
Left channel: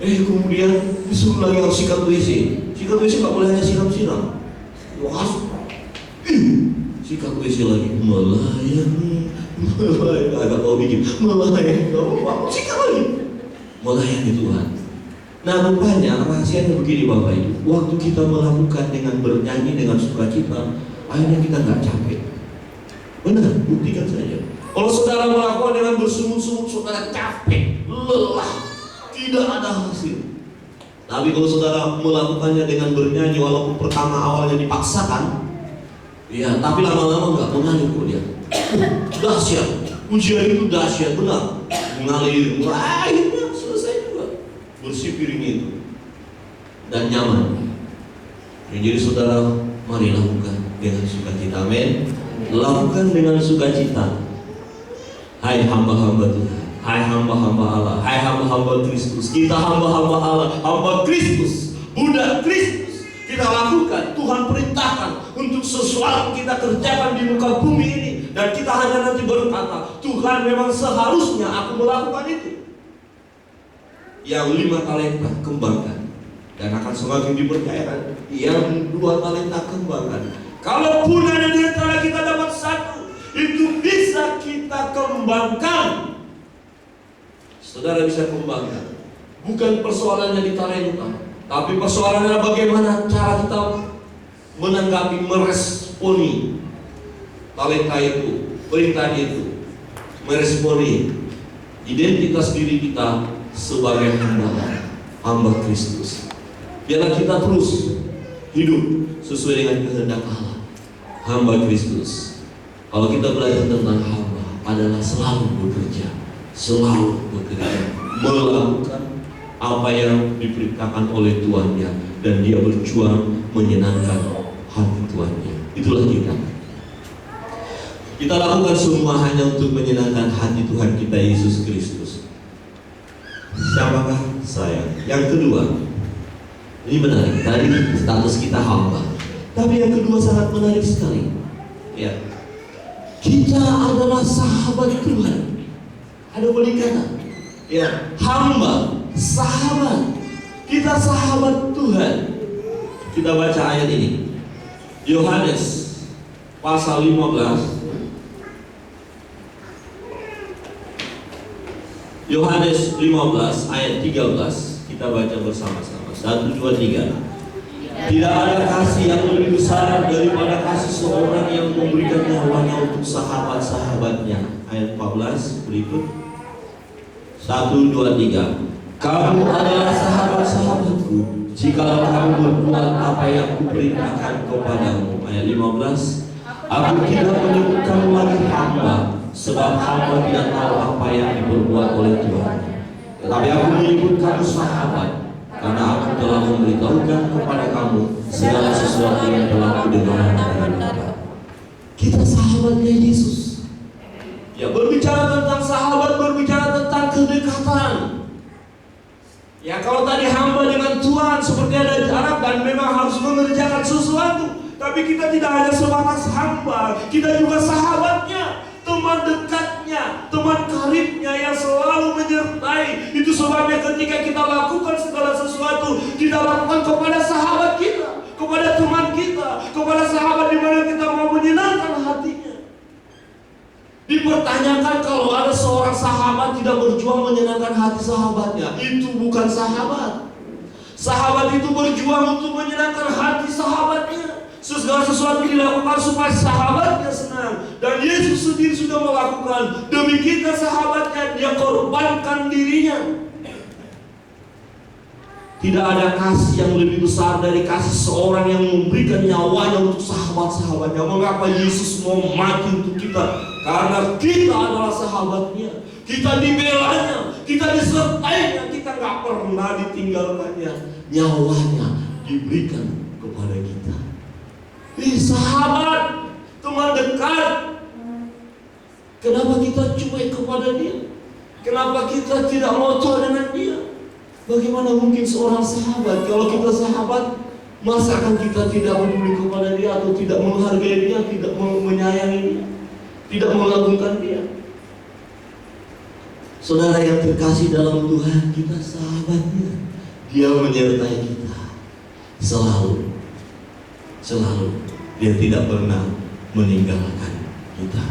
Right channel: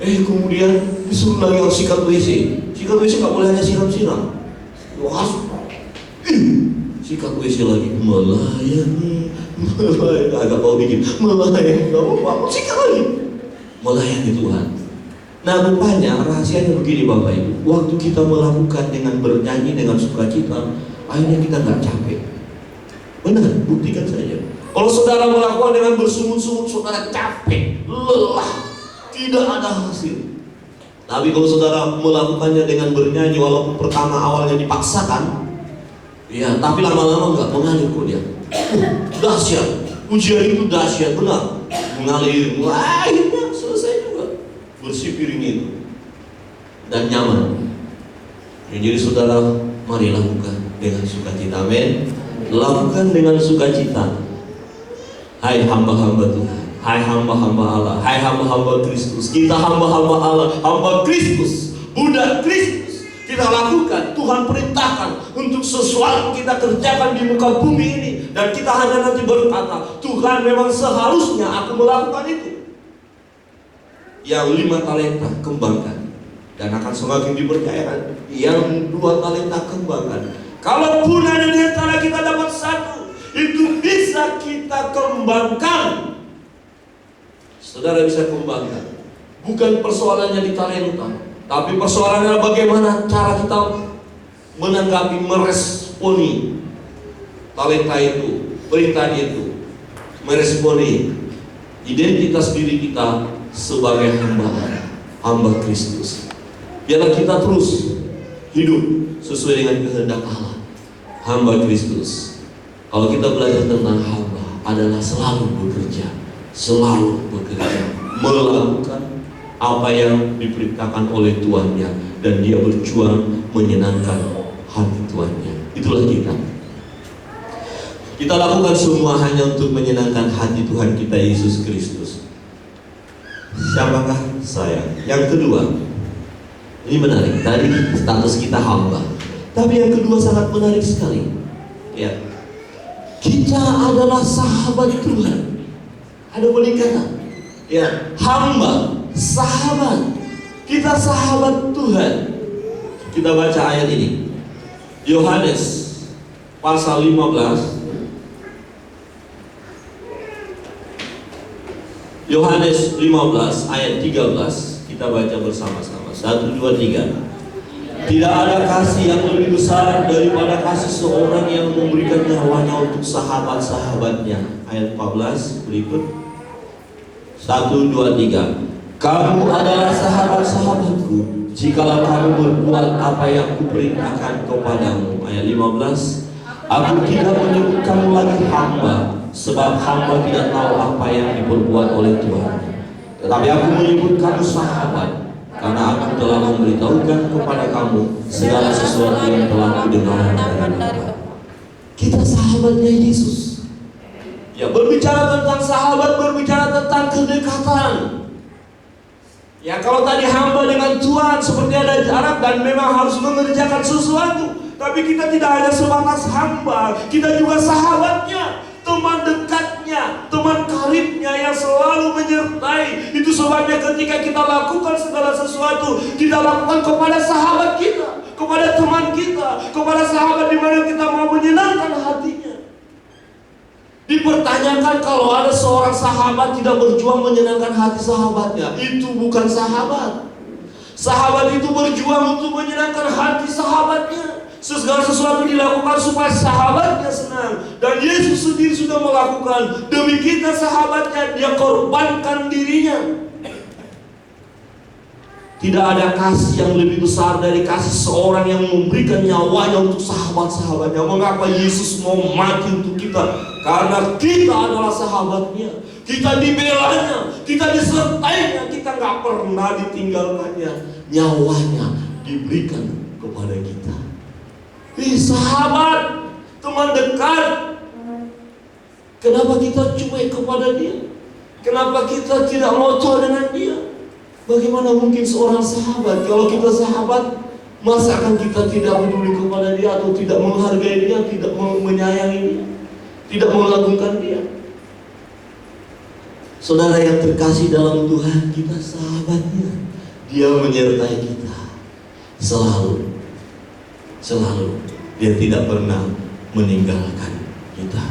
Kemudian disuruh lagi harus sikat WC. Sikat WC nggak boleh hanya siram-siram. Wah, sikat WC lagi. Melayani, agak kau bikin. Melayani, nggak mau sikat lagi. Melayani Tuhan. Nah, rupanya rahasianya begini Bapak Ibu. Waktu kita melakukan dengan bernyanyi dengan sukacita, akhirnya kita nggak capek. Benar, buktikan saja. Kalau saudara melakukan dengan bersungut-sungut, saudara capek, lelah, tidak ada hasil. Tapi kalau saudara melakukannya dengan bernyanyi, walaupun pertama awalnya dipaksakan, ya, tapi lama-lama nggak mengalir kok dia. Dahsyat, ujian itu dahsyat, benar, mengalir, akhirnya selesai juga. Bersih piring itu dan nyaman. Jadi saudara, mari lakukan dengan sukacita. Amin. Lakukan dengan sukacita. Hai hamba-hamba Tuhan, hai hamba-hamba Allah, hai hamba-hamba Kristus. Kita hamba-hamba Allah, hamba Kristus, budak Kristus. Kita lakukan, Tuhan perintahkan untuk sesuatu kita kerjakan di muka bumi ini. Dan kita hanya nanti berkata, Tuhan memang seharusnya aku melakukan itu. Yang 5 talenta kembangkan, dan akan semakin dipercayakan. Yang 2 talenta kembangkan. Kalaupun ada di antara kita dapat 1, itu bisa kita kembangkan. Saudara bisa kembangkan. Bukan persoalannya di talenta, tapi persoalannya adalah bagaimana cara kita menanggapi, meresponi talenta itu, perintah itu, meresponi identitas diri kita sebagai hamba Kristus. Biarlah kita terus hidup sesuai dengan kehendak Allah, hamba Kristus. Kalau kita belajar tentang hamba adalah selalu bekerja, melakukan apa yang diperintahkan oleh Tuannya, dan dia berjuang menyenangkan hati Tuannya. Itulah kita. Kita lakukan semua hanya untuk menyenangkan hati Tuhan kita Yesus Kristus. Siapakah saya? Yang kedua, ini menarik. Tadi status kita hamba, tapi yang kedua sangat menarik sekali. Ya, kita adalah sahabat Tuhan. Ada peningkatan. Ya, hamba, sahabat. Kita sahabat Tuhan. Kita baca ayat ini. Yohanes pasal 15. Yohanes 15 ayat 13. Kita baca bersama-sama. 1, 2, 3. Tidak ada kasih yang lebih besar daripada kasih seorang yang memberikan nyawanya untuk sahabat-sahabatnya. Ayat 14 berikut. 1, 2, 3. Kamu adalah sahabat-sahabatku jikalau kamu berbuat apa yang kuperintahkan kepadamu. Ayat 15. Aku tidak menyebut kamu lagi hamba, sebab hamba tidak tahu apa yang diperbuat oleh Tuhan. Tetapi aku menyebut kamu sahabat, karena aku telah memberitahukan kepada kamu segala sesuatu yang telah kudengar dari Bapa. Kita sahabatnya Yesus. Ya, berbicara tentang sahabat, berbicara tentang kedekatan. Ya, kalau tadi hamba dengan Tuhan seperti ada jarak dan memang harus mengerjakan sesuatu, tapi kita tidak hanya sebatas hamba, kita juga sahabatnya, teman dekatnya, teman karibnya yang selalu menyertai. Itu sebabnya ketika kita lakukan segala sesuatu, kita lakukan kepada sahabat kita, kepada teman kita, kepada sahabat di mana kita mau menyenangkan hatinya. Dipertanyakan kalau ada seorang sahabat tidak berjuang menyenangkan hati sahabatnya, itu bukan sahabat. Sahabat itu berjuang untuk menyenangkan hati sahabatnya. Segala sesuatu dilakukan supaya sahabatnya senang. Dan Yesus sendiri sudah melakukan. Demi kita sahabatnya, dia korbankan dirinya. Tidak ada kasih yang lebih besar dari kasih seorang yang memberikan nyawanya untuk sahabat-sahabatnya. Mengapa Yesus mau mati untuk kita? Karena kita adalah sahabatnya. Kita dibelanya, kita disertainya, kita gak pernah ditinggalkannya. Nyawanya diberikan kepada kita. Sahabat, teman dekat. Kenapa kita cuek kepada dia? Kenapa kita tidak mau tahu dengan dia? Bagaimana mungkin seorang sahabat? Kalau kita sahabat, masa akan kita tidak peduli kepada dia, atau tidak menghargai dia, tidak menyayangi dia, tidak mengagungkan dia? Saudara yang terkasih dalam Tuhan, kita sahabatnya. Dia menyertai kita selalu. Dia tidak pernah meninggalkan kita.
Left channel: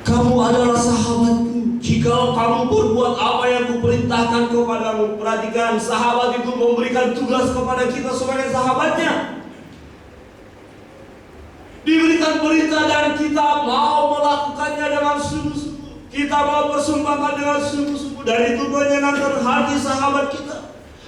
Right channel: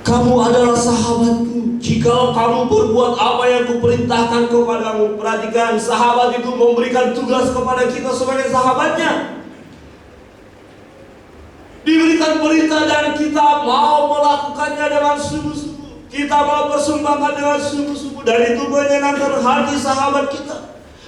Kamu adalah sahabatku jika kamu berbuat apa yang kuperintahkan kepadamu. Perhatikan, sahabat itu memberikan tugas kepada kita sebagai sahabatnya. Diberikan perintah dan kita mau melakukannya dengan sungguh-sungguh. Kita mau persembahkan dengan sungguh-sungguh. Dan itu menyenangkan hati sahabat kita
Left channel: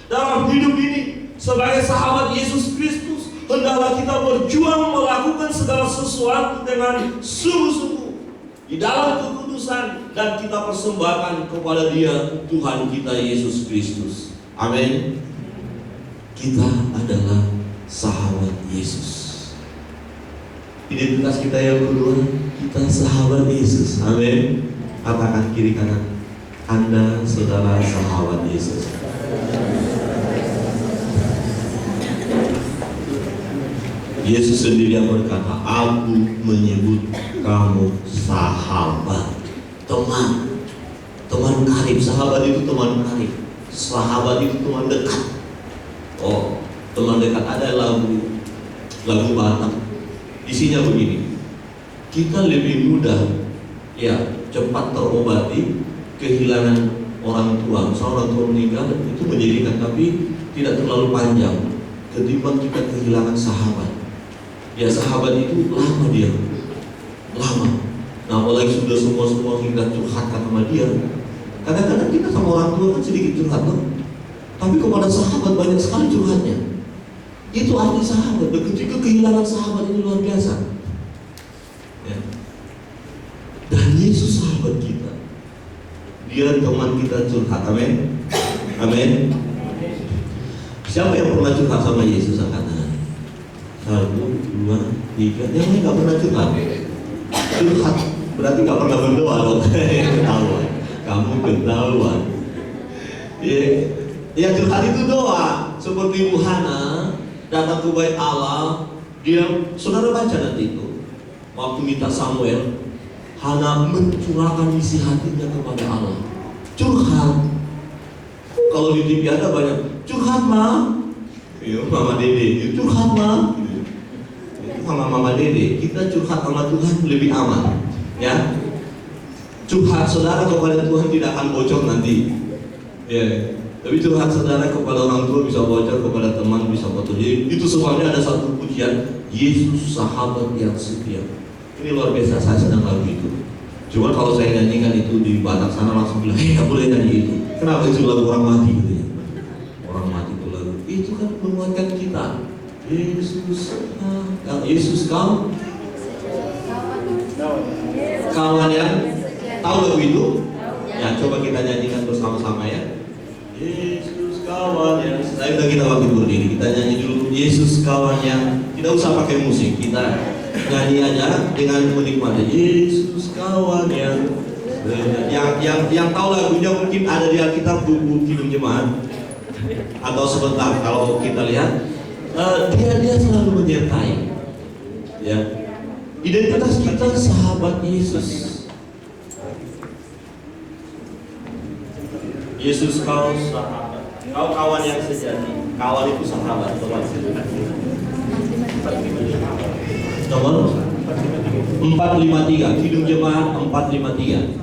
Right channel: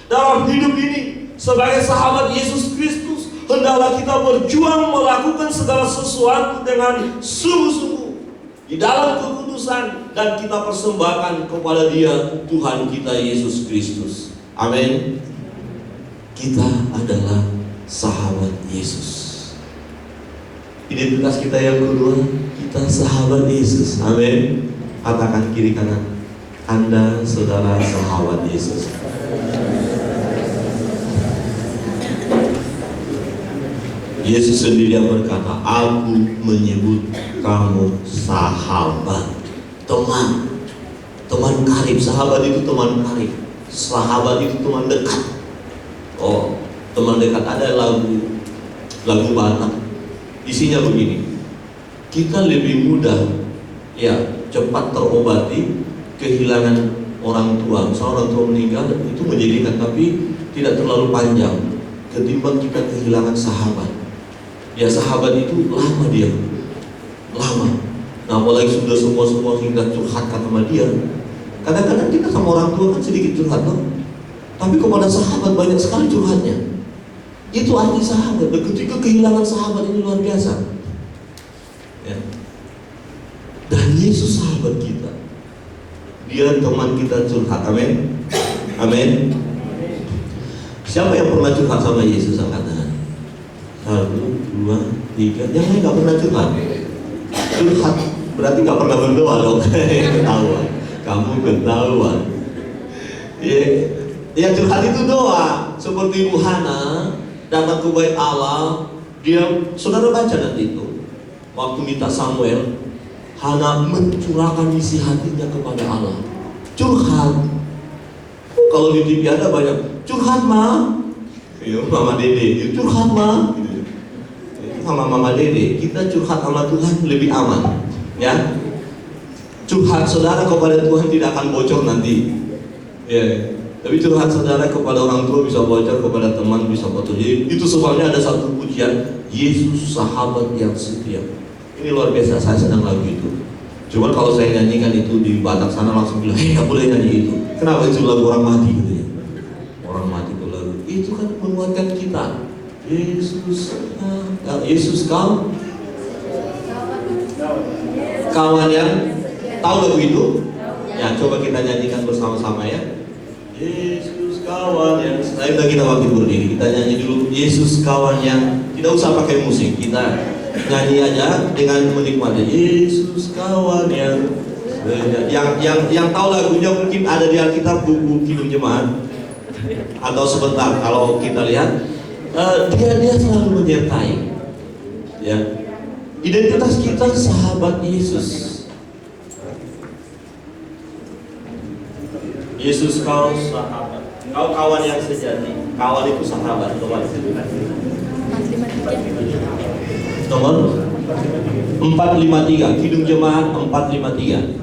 dalam hidup ini. Sebagai sahabat Yesus Kristus, hendaklah kita berjuang melakukan segala sesuatu dengan sungguh-sungguh di dalam kekudusan, dan kita persembahkan kepada Dia, Tuhan kita Yesus Kristus. Amin. Kita adalah sahabat Yesus. Identitas kita yang kedua, kita sahabat Yesus. Amin. Katakan kiri kanan, Anda saudara sahabat Yesus. Yesus sendiri yang berkata, aku menyebut kamu sahabat, teman karib. Sahabat itu teman karib, sahabat itu teman dekat. Oh, teman dekat. Ada lagu Batak, isinya begini: kita lebih mudah cepat terobati kehilangan orang tua. Misalnya orang tua meninggal, itu menjadikan, tapi tidak terlalu panjang, ketimbang kita kehilangan sahabat. Sahabat itu lama dia. Nah, apalagi sudah semua kita curhatkan sama dia. Kadang-kadang kita sama orang tua kan sedikit curhat, tapi kepada sahabat banyak sekali curhatnya. Itu arti sahabat. Dan ketika kehilangan sahabat ini luar biasa. Dan Yesus sahabat kita. Dia teman kita curhat. Amin. Amin. Siapa yang pernah curhat sama Yesus? Angkat tangan. 1, 2, 3. Yang lain gak pernah curhat. Curhat berarti gak pernah berdoa dong. Ketahuan. Kamu ketahuan. Ya curhat itu doa. Seperti Ibu Hana datang ke bait Allah. Saudara baca nanti itu. Waktu minta Samuel, Hana mencurahkan isi hatinya kepada Allah. Curhat. Kalau di TV ada banyak curhat, Ma. Mama Dede, curhat, Ma. Sama Mama Dede, kita curhat sama Tuhan lebih aman, ya. Curhat saudara kepada Tuhan tidak akan bocor nanti, tapi curhat saudara kepada orang tua bisa bocor, kepada teman bisa bocor. Jadi itu sebabnya ada satu pujian, Yesus sahabat yang setia. Ini luar biasa, saya sedang lagu itu. Cuma kalau saya nyanyikan itu di Batak sana langsung bilang, nggak boleh nyanyi itu. Kenapa? Itu lagu orang mati gitu ya. Orang mati itu lagu. Itu kan menguatkan kita. Yesus kawan yang tahu lagu itu? Ya, coba kita nyanyikan bersama-sama ya. Yesus kawan yang, saya udah kita waktu berdiri, kita nyanyi dulu. Yesus kawan yang, tidak usah pakai musik, kita nyanyi aja dengan menikmati. Yesus kawan yang tahu lagunya mungkin ada di Alkitab, buku Kidung Jemaat, atau sebentar kalau kita lihat. Dia selalu menyertai. Ya, identitas kita sahabat Yesus. Yesus kau sahabat, kau kawan yang sejati. Kawan itu sahabat, teman. Nomor 453, Kidung Jemaat 453.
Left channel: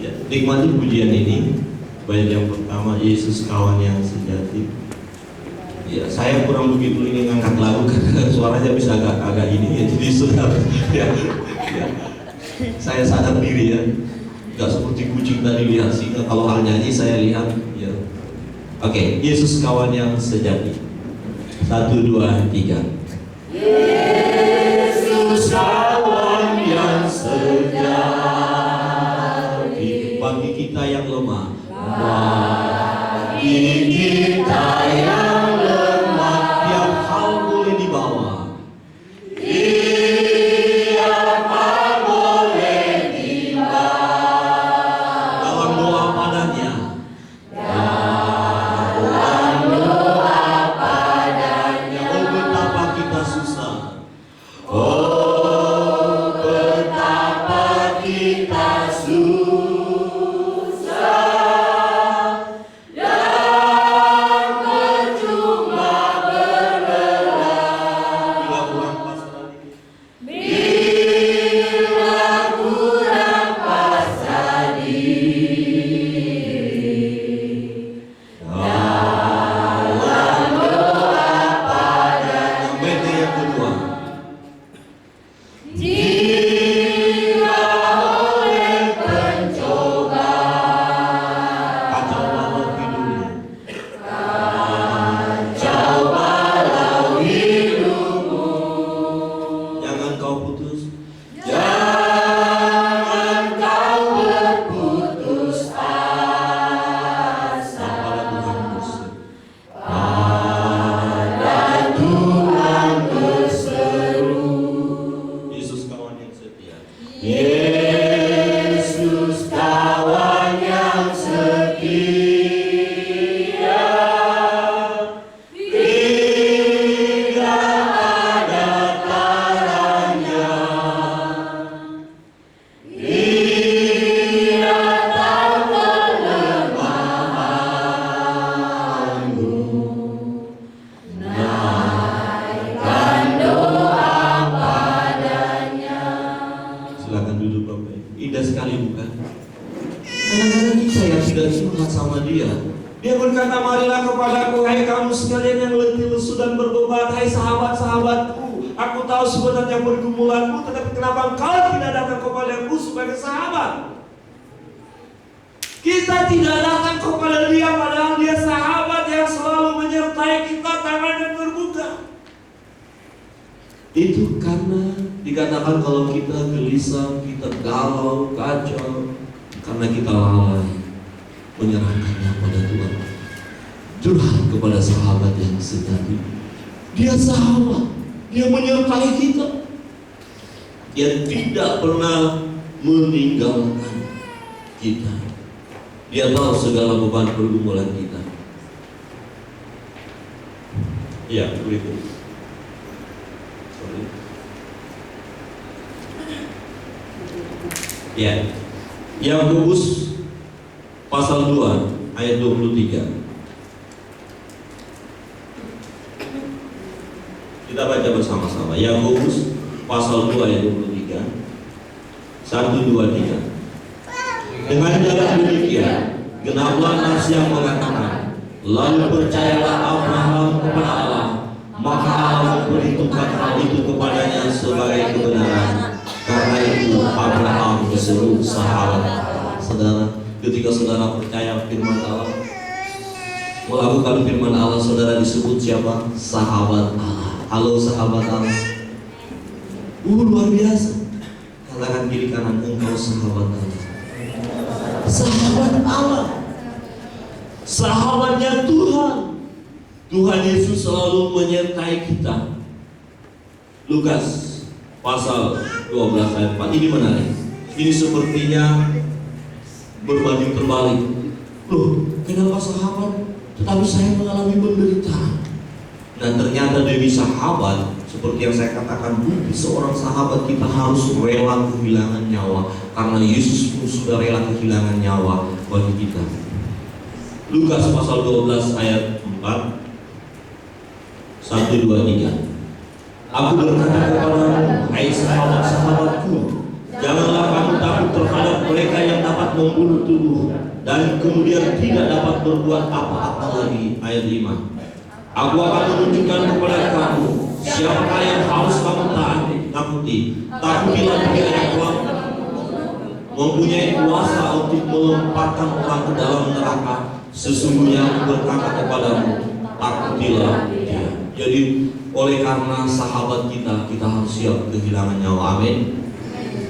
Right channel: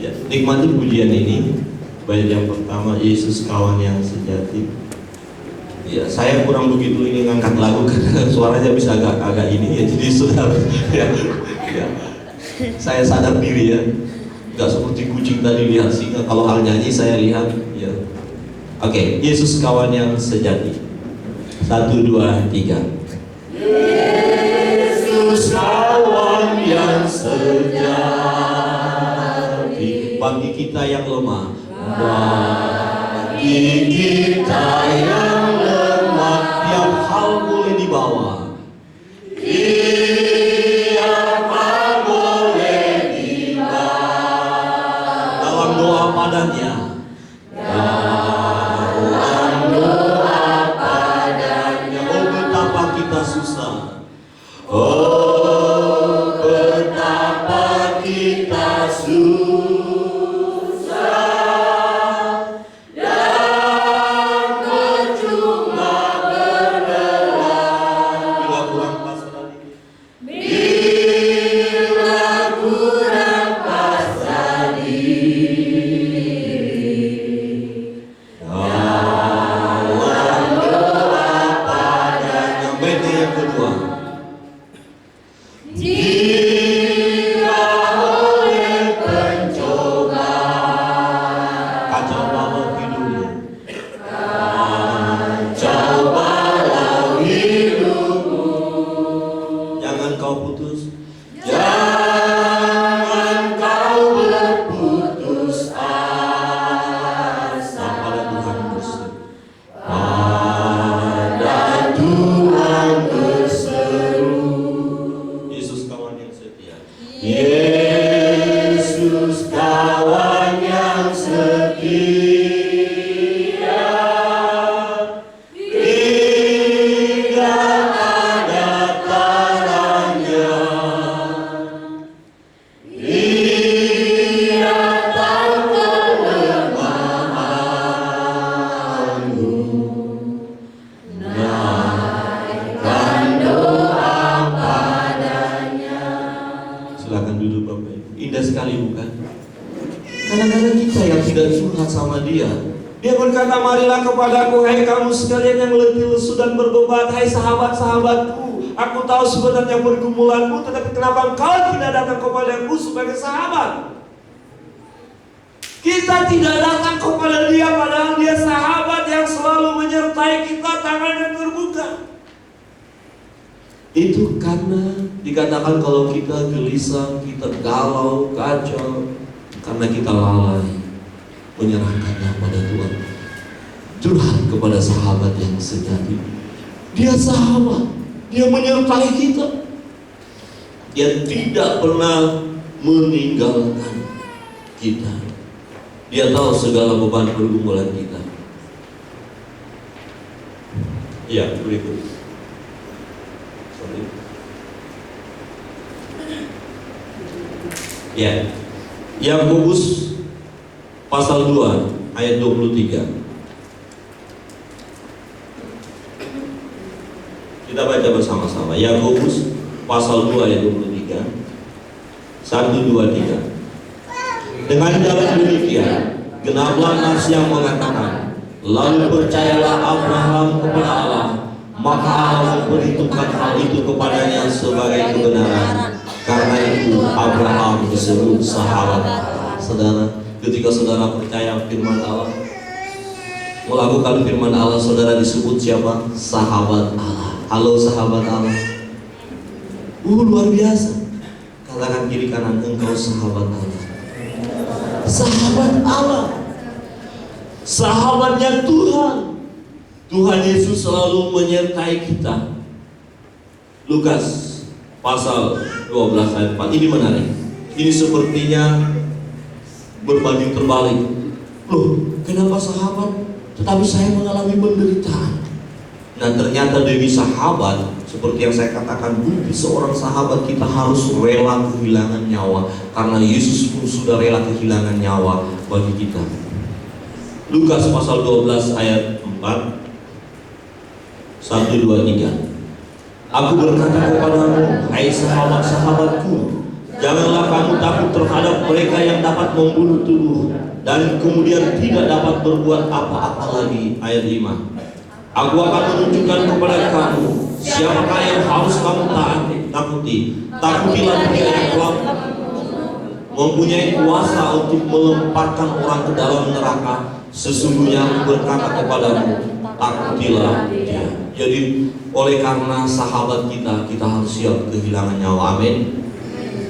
Ya, nikmati pujian ini. Bait yang pertama, Yesus kawan yang sejati. Ya, saya kurang begitu ini ngangkat lagu karena suaranya bisa agak ini ya, jadi sudah ya. Saya sadar diri ya. Gak seperti kucing tadi lihat singa. Kalau hal nyanyi saya lihat ya. Oke, Yesus kawan yang sejati. 1, 2, 3. Yesus kawan yang sejati. Bagi kita yang lemah, bagi kita yang lemah, tiap hal boleh dibawa. Tiap hal boleh dibawa dalam doa padanya. Dalam doa padanya. Oh betapa kita susah. Oh betapa kita susah dan percuma berlelah. Bila kurang pasrah diri. Bila kurang pasrah diri. Dalam doa padanya. Benteng yang kedua. Jika oleh pencobaan, kacau balau hidupmu, kacau balau hidupmu, jangan kau putus, jangan kau berputus asa pada Tuhan berseru, pada Tuhan berseru. Yesus kawan yang setia. Yesus kawan yang setia. Hingga ada taranya. Dia tahu kelemahanmu. Naikkan doa padanya. Silakan duduk Bapak Ibu. Indah sekali bukan? Kadang-kadang kita yang tidak curhat sama dia. Dia berkata, marilah kepadaku hai kamu sekalian yang letih lesu dan berbeban, hai sahabat-sahabatku. Aku tahu sebenarnya pergumulanmu, tetapi kenapa engkau tidak datang kepadaku sebagai sahabat? Kita tidak datang kepada dia padahal dia sahabat yang selalu menyertai kita, tangannya terbuka. Itu karena dikatakan kalau kita gelisah, kita galau, kacau, karena kita lalai menyerahkannya pada Tuhan. Curhat kepada sahabat yang sejati. Dia sahabat, dia menyertai kita. Dia tidak pernah meninggalkan kita. Dia tahu segala beban pergumulan kita. Ya, berikut. Ya, Yakobus pasal 2 ayat 23. Kita baca bersama-sama. Yakobus pasal 2 ayat 23. 1, 2, 3. Dengan jalan demikian, genaplah nas yang mengatakan, lalu percayalah Abraham kepada Allah, maka Allah memperhitungkan hal itu kepadanya sebagai kebenaran. Karena itu Abraham disebut sahabat Allah. Saudara, ketika saudara percaya firman Allah, melakukan firman Allah, saudara disebut siapa? Sahabat Allah. Halo sahabat Allah. Luar biasa. Katakan kiri kanan, engkau sahabat Allah. Sahabat Allah. Sahabatnya Tuhan. Tuhan Yesus selalu menyertai kita. Lukas pasal 12 ayat 4. Ini menarik. Ini sepertinya berbanding terbalik. Loh, kenapa sahabat? Tetapi saya mengalami penderitaan. Nah, ternyata demi sahabat, seperti yang saya katakan, bukti seorang sahabat kita harus rela kehilangan nyawa. Karena Yesus pun sudah rela kehilangan nyawa bagi kita. Lukas pasal 12 ayat 4. 1, 2, 3. Aku berkata kepadamu, hai sahabat-sahabatku, janganlah kamu takut terhadap mereka yang dapat membunuh tubuh dan kemudian tidak dapat berbuat apa-apa lagi. Ayat 5. Aku akan menunjukkan kepada kamu siapakah yang harus kamu takuti. Takutilah dia yang telah mempunyai kuasa untuk melemparkan orang ke dalam neraka. Sesungguhnya aku berkata kepadamu, takutilah dia. Jadi oleh karena sahabat kita harus siap kehilangan nyawa. Amin.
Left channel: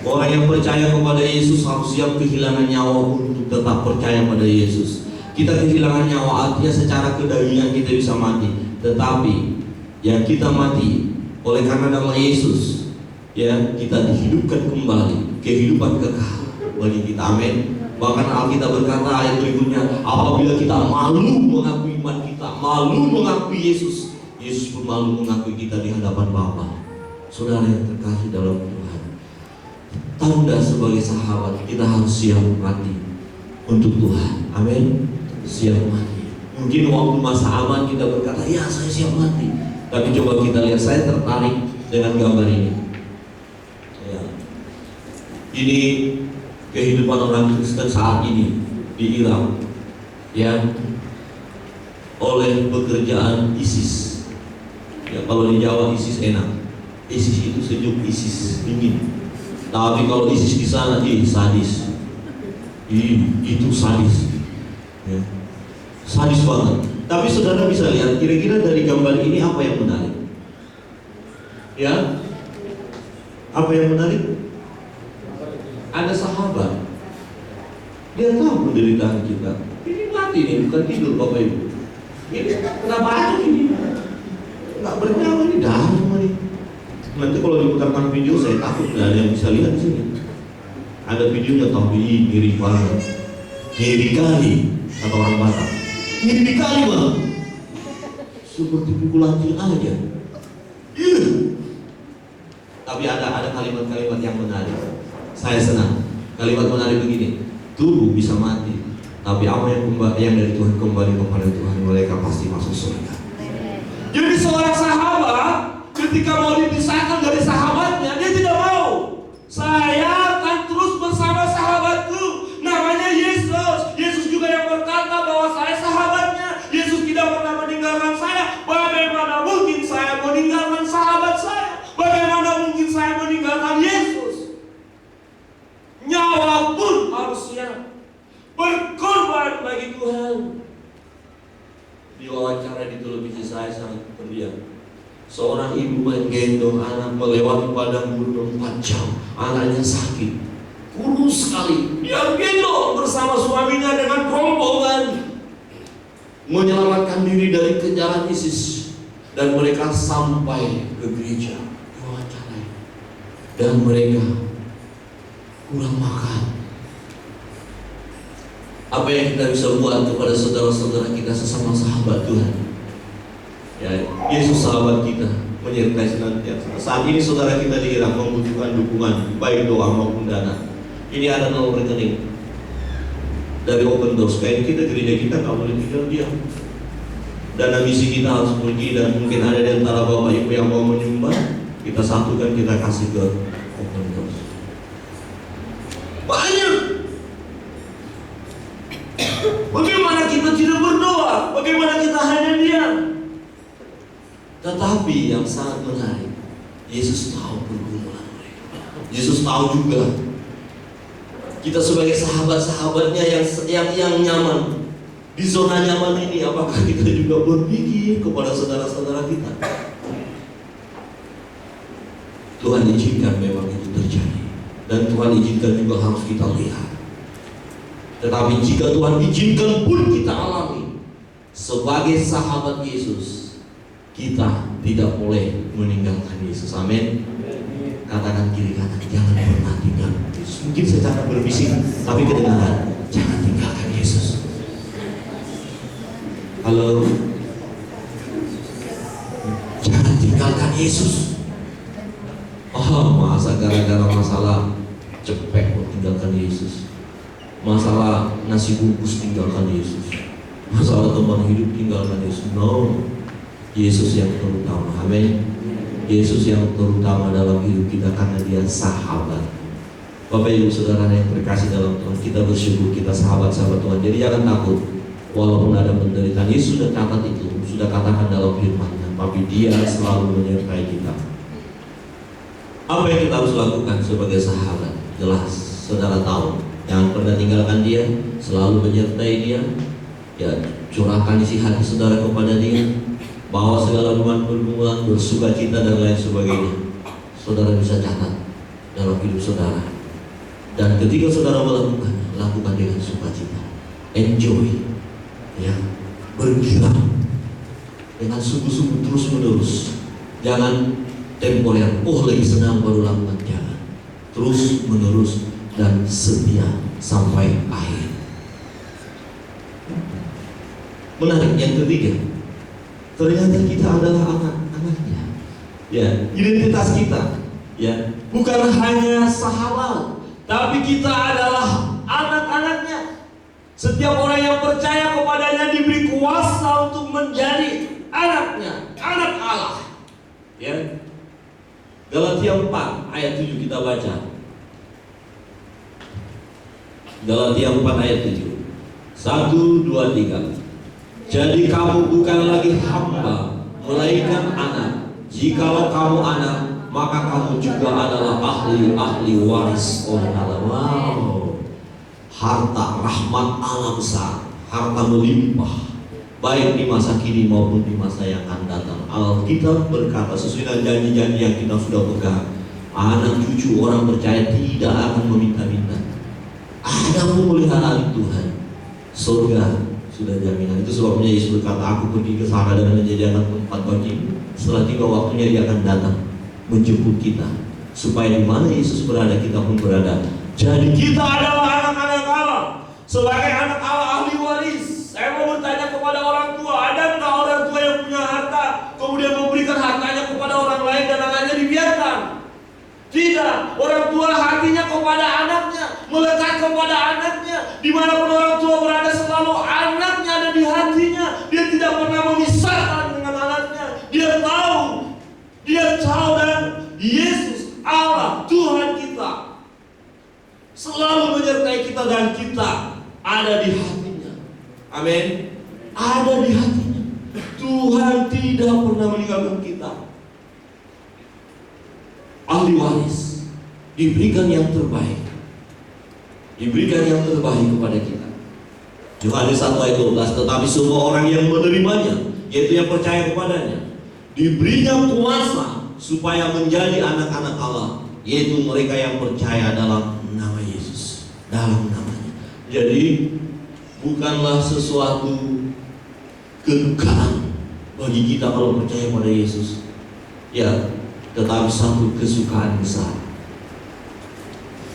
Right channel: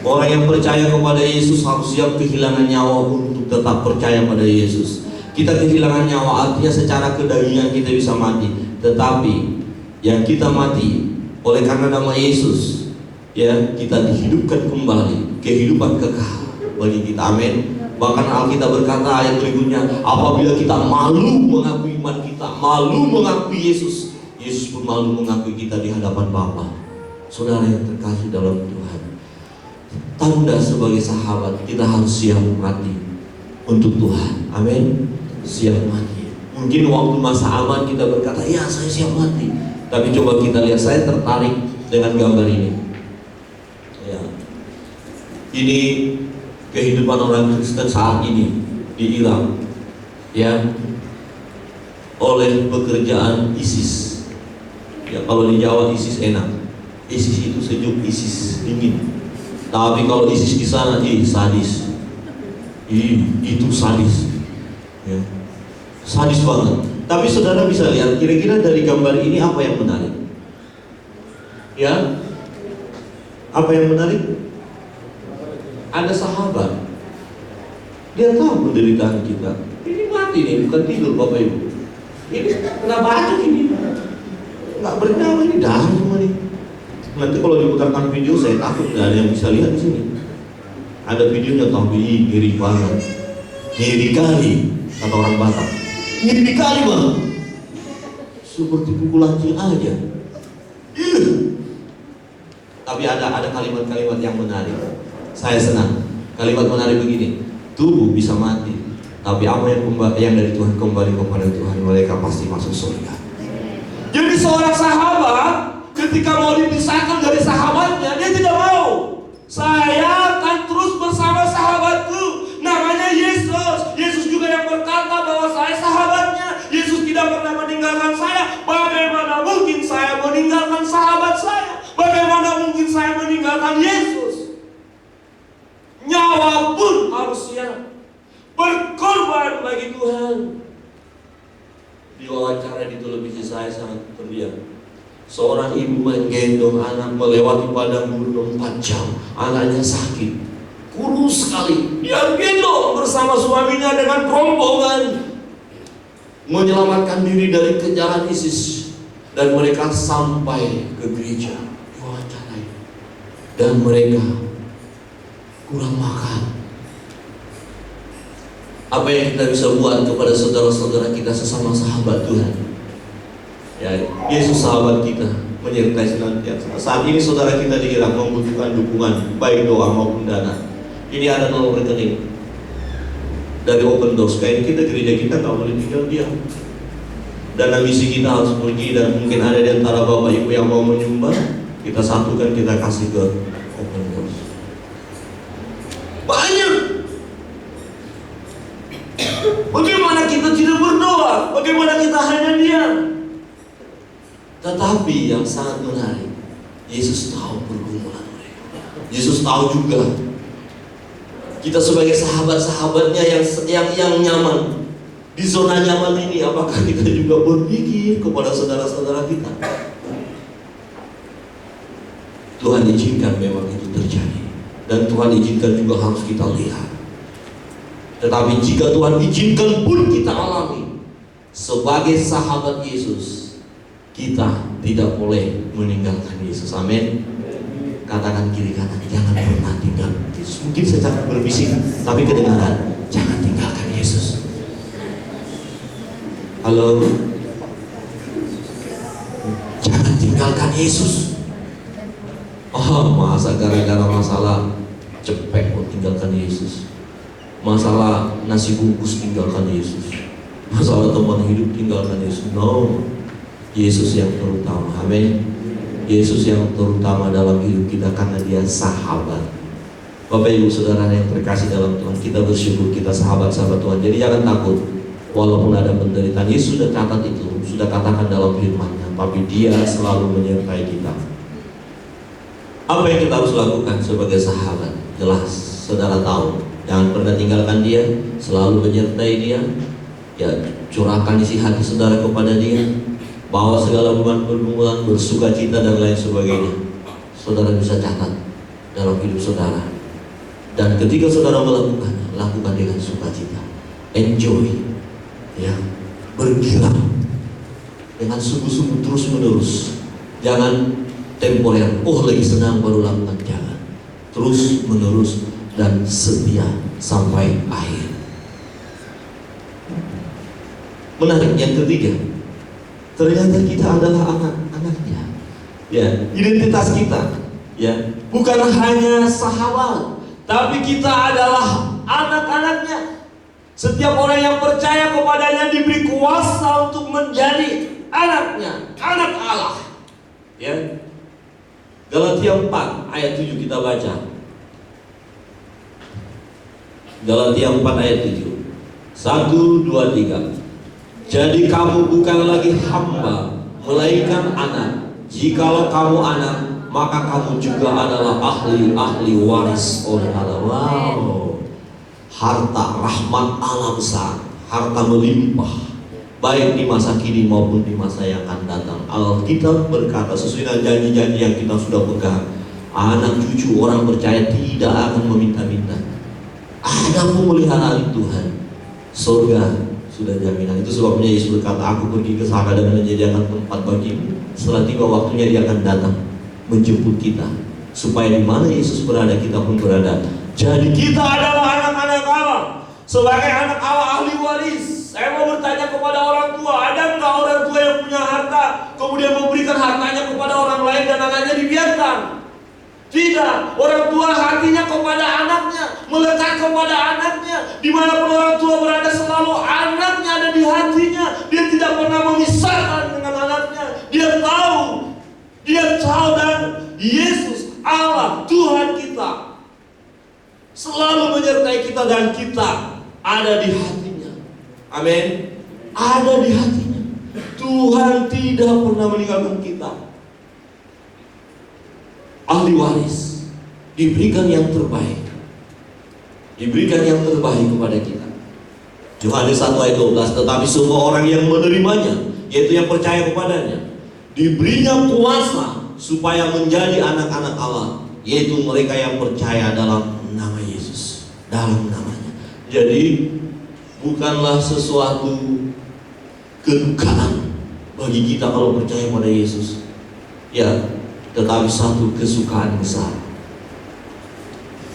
Orang yang percaya kepada Yesus harus siap kehilangan nyawa untuk tetap percaya pada Yesus. Kita kehilangan nyawa artinya secara kedagingan kita bisa mati, tetapi yang kita mati oleh karena nama Yesus, ya, kita dihidupkan kembali, kehidupan kekal bagi kita. Amin. Bahkan Alkitab berkata ayat berikutnya, apabila kita malu mengakui iman kita, malu mengakui Yesus, Yesus pun malu mengakui kita di hadapan Bapa. Saudara yang terkasih dalam Tuhan, tanda sebagai sahabat kita harus siap mati untuk Tuhan. Amin. Siap mati. Mungkin waktu masa aman kita berkata, ya saya siap mati. Tapi coba kita lihat, saya tertarik dengan gambar ini. Ya. Ini kehidupan orang Kristen saat ini di Irak, ya, oleh pekerjaan ISIS. Ya, kalau di Jawa ISIS enak, ISIS itu sejuk, ISIS dingin. Tapi kalau ISIS di sana, sadis. Itu sadis, ya, sadis banget. Tapi saudara bisa lihat, kira-kira dari gambar ini apa yang menarik? Ya, apa yang menarik? Ada sahabat, dia tahu penderitaan kita. Ini mati nih, bukan tidur Bapak Ibu. Ini kena batu ini, nggak bernyawa, ini darah semua nih. Nanti kalau diputarkan video, saya takut nggak ada yang bisa lihat di sini. Ada videonya, tapi ngiri banget, ngiri kali, kata orang Batak. Ngiri kali banget, seperti pukul anjing aja. Tapi ada kalimat-kalimat yang menarik. Saya senang. Kalimat menarik begini, tubuh bisa mati, tapi apa yang dari Tuhan kembali kepada Tuhan, mereka pasti masuk surga. Jadi seorang sahabat ketika mau dipisahkan dari sahabatnya, dia tidak mau. Saya akan terus bersama sahabatku, namanya Yesus. Yesus juga yang berkata bahwa saya sahabatnya. Yesus tidak pernah meninggalkan saya. Bagaimana mungkin saya meninggalkan sahabat saya? Bagaimana mungkin saya meninggalkan Yesus? Nyawa pun harus siap berkorban bagi Tuhan. Di wawancara di televisi saya sangat terdiam. Seorang ibu menggendong anak melewati padang gurun 4 jam. Anaknya sakit, kurus sekali. Dia gendong bersama suaminya dengan rombongan menyelamatkan diri dari kejaran ISIS. Dan mereka sampai ke gereja, diwawancarai, dan mereka kurang makan. Apa yang kita bisa buat kepada saudara-saudara kita sesama sahabat Tuhan? Ya, Yesus sahabat kita, menyertai senantiasa. Saat ini saudara kita di Irak membutuhkan dukungan, baik doa maupun dana. Ini ada nomor rekening dari Open Doors. Kayak kita, gereja kita nggak boleh tinggal diam. Dana misi kita harus pergi, dan mungkin ada di antara Bapak Ibu yang mau menyumbang, kita satukan, kita kasih ke Open Doors. Banyak. Bagaimana kita tidak berdoa? Bagaimana kita hanya diam? Tetapi yang sangat menarik, Yesus tahu pergumulan mereka. Yesus tahu juga kita sebagai sahabat-sahabatnya yang nyaman di zona nyaman ini. Apakah kita juga berpikir kepada saudara-saudara kita? Tuhan izinkan memang itu terjadi, dan Tuhan izinkan juga harus kita lihat. Tetapi jika Tuhan izinkan pun kita alami, sebagai sahabat Yesus, kita tidak boleh meninggalkan Yesus. Amin. Katakan kiri kanan, jangan pernah tinggalkan Yesus. Mungkin secara berbisik, tapi kedengaran, jangan tinggalkan Yesus. Halo, jangan tinggalkan Yesus. Oh, masa gara-gara masalah cepet kok tinggalkan Yesus? Masalah nasi bungkus tinggalkan Yesus? Masalah teman hidup tinggalkan Yesus? No. Yesus yang terutama. Amin. Yesus yang terutama dalam hidup kita, karena dia sahabat. Bapak Ibu Saudara yang terkasih dalam Tuhan, kita bersyukur kita sahabat-sahabat Tuhan. Jadi jangan takut walaupun ada penderitaan. Yesus sudah catat itu, sudah katakan dalam firman-Nya, tapi dia selalu menyertai kita. Apa yang kita harus lakukan sebagai sahabat? Jelas, saudara tahu. Jangan pernah tinggalkan dia, selalu menyertai dia. Ya, curahkan isi hati saudara kepada dia. Bawa segala beban pergumulan, bersuka cita dan lain sebagainya. Saudara bisa catat dalam hidup saudara. Dan ketika saudara melakukan, lakukan dengan sukacita. Enjoy, ya, bergirang dengan sungguh-sungguh terus menerus. Jangan temporer. Oh, lagi senang baru lakukan. Jangan. Terus menerus dan setia sampai akhir. Menarik yang ketiga, ternyata kita adalah anak-anaknya. Ya, identitas kita, ya, bukan hanya sahabat, tapi kita adalah anak-anaknya. Setiap orang yang percaya kepadanya diberi kuasa untuk menjadi anaknya, anak Allah. Ya. Galatia 4 ayat 7 kita baca. Galatia 4 ayat 7. 1, 2, 3. Jadi kamu bukan lagi hamba, melainkan anak. Jikalau kamu anak, maka kamu juga adalah ahli waris oleh Allah. Wow. Harta rahmat Allah besar, harta melimpah, baik di masa kini maupun di masa yang akan datang. Alkitab berkata sesuai dengan janji-janji yang kita sudah pegang, anak cucu orang percaya tidak akan meminta-minta. Ada pemeliharaan Tuhan, surga sudah jaminan. Itu sebabnya Yesus berkata, aku pergi ke sana dan menyediakan tempat bagimu. Setelah tiba waktunya dia akan datang menjemput kita, supaya di mana Yesus berada kita pun berada. Jadi kita adalah anak-anak Allah. Sebagai anak Allah, ahli waris. Saya mau bertanya kepada orang tua, ada nggak orang tua yang punya harta kemudian memberikan hartanya kepada orang lain dan anaknya dibiarkan? Tidak, orang tua hatinya kepada anaknya, melekat kepada anaknya. Dimanapun orang tua berada, selalu anaknya ada di hatinya. Dia tidak pernah memisahkan dengan anaknya. Dia tahu dan Yesus Allah Tuhan kita selalu menyertai kita dan kita ada di hatinya. Amin. Ada di hatinya. Tuhan tidak pernah meninggalkan kita. Ahli waris, diberikan yang terbaik, diberikan yang terbaik kepada kita. Yohanes 1 ayat 12. Tetapi semua orang yang menerimanya, yaitu yang percaya kepadanya, diberinya kuasa supaya menjadi anak-anak Allah, yaitu mereka yang percaya dalam nama Yesus, dalam namanya. Jadi bukanlah sesuatu kedukaan bagi kita kalau percaya pada Yesus, ya, tetapi satu kesukaan besar.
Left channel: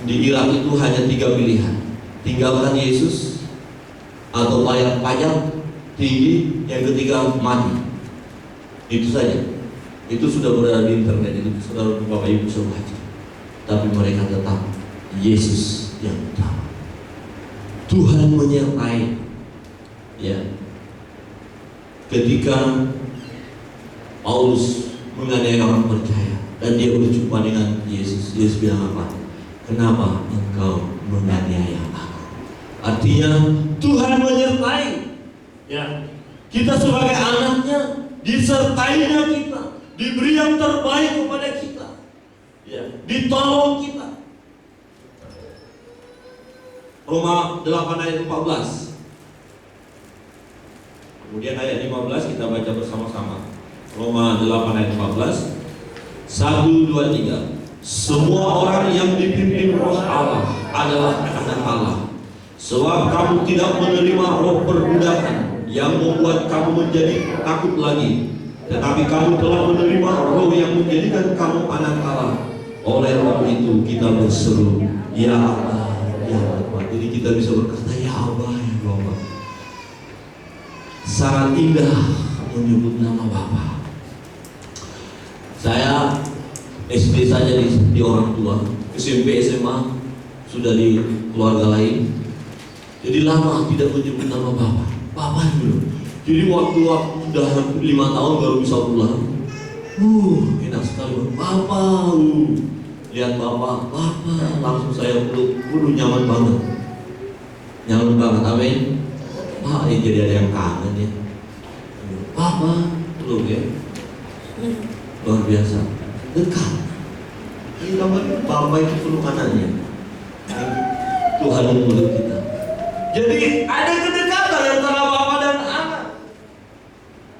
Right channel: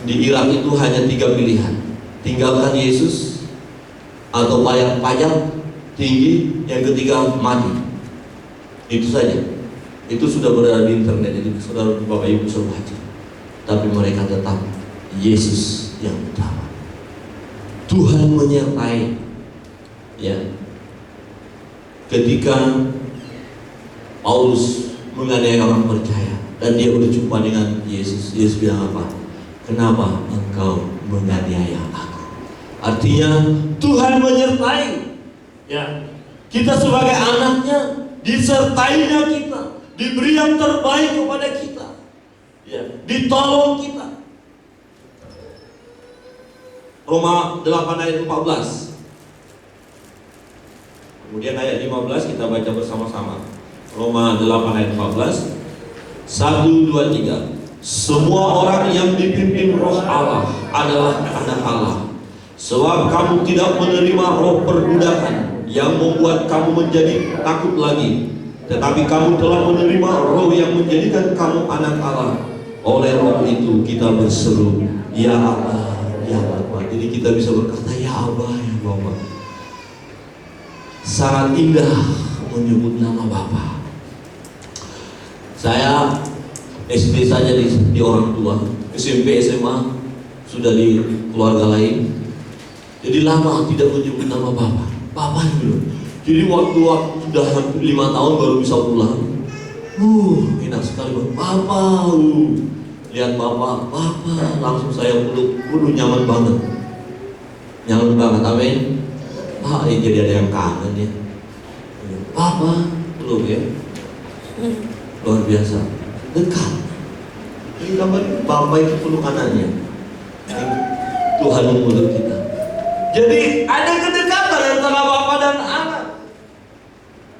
Di Irak itu hanya 3 pilihan: tinggalkan Yesus, atau bayar pajak tinggi, yang ketiga mati. Itu saja. Itu sudah berada di internet, itu saudara Bapak Ibu bisa baca. Tapi mereka tetap Yesus yang utama. Tuhan menyertai, ya. Ketika Paulus menganiaya orang percaya dan dia berjumpa dengan Yesus, Yesus bilang apa? Kenapa engkau menganiaya aku? Artinya Tuhan menyertai, ya. Kita sebagai anaknya, disertainya kita, diberi yang terbaik kepada kita, ya, ditolong kita. Roma 8 ayat 14. Kemudian ayat 15 kita baca bersama-sama. Roma 8 ayat 14. 1, 2, 3. Semua orang yang dipimpin Roh Allah adalah anak Allah. Sebab kamu tidak menerima roh perbudakan yang membuat kamu menjadi takut lagi, tetapi kamu telah menerima roh yang menjadikan kamu anak Allah. Oleh roh itu kita berseru, ya Allah, ya Bapa. Jadi kita bisa berkata, ya Allah, ya Bapa. Sangat indah menyebut nama Bapa. Saya SD saja di orang tua, SMP, SMA sudah di keluarga lain. Jadi lama tidak menyebut nama Bapa. Bapa dulu. Jadi waktu sudah hampir 5 tahun baru bisa pulang. Enak sekali Bapa. Lihat Bapa, langsung saya peluk, nyaman banget. Nyaman banget, amin. Jadi ada yang kangen ya. Bapa, peluk ya. Luar biasa, dekat. Ini namanya Bapak itu peluk anaknya. Tuhan memeluk kita. Jadi ada kedekatan antara Bapa dan anak.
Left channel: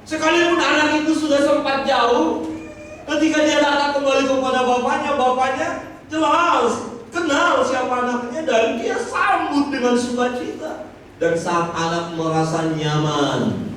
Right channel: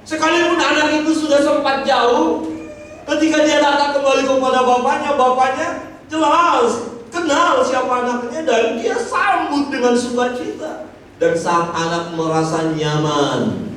Sekalipun anak itu sudah sempat jauh, ketika dia datang kembali kepada bapaknya jelas kenal siapa anaknya dan dia sambut dengan sukacita. Dan saat anak merasa nyaman,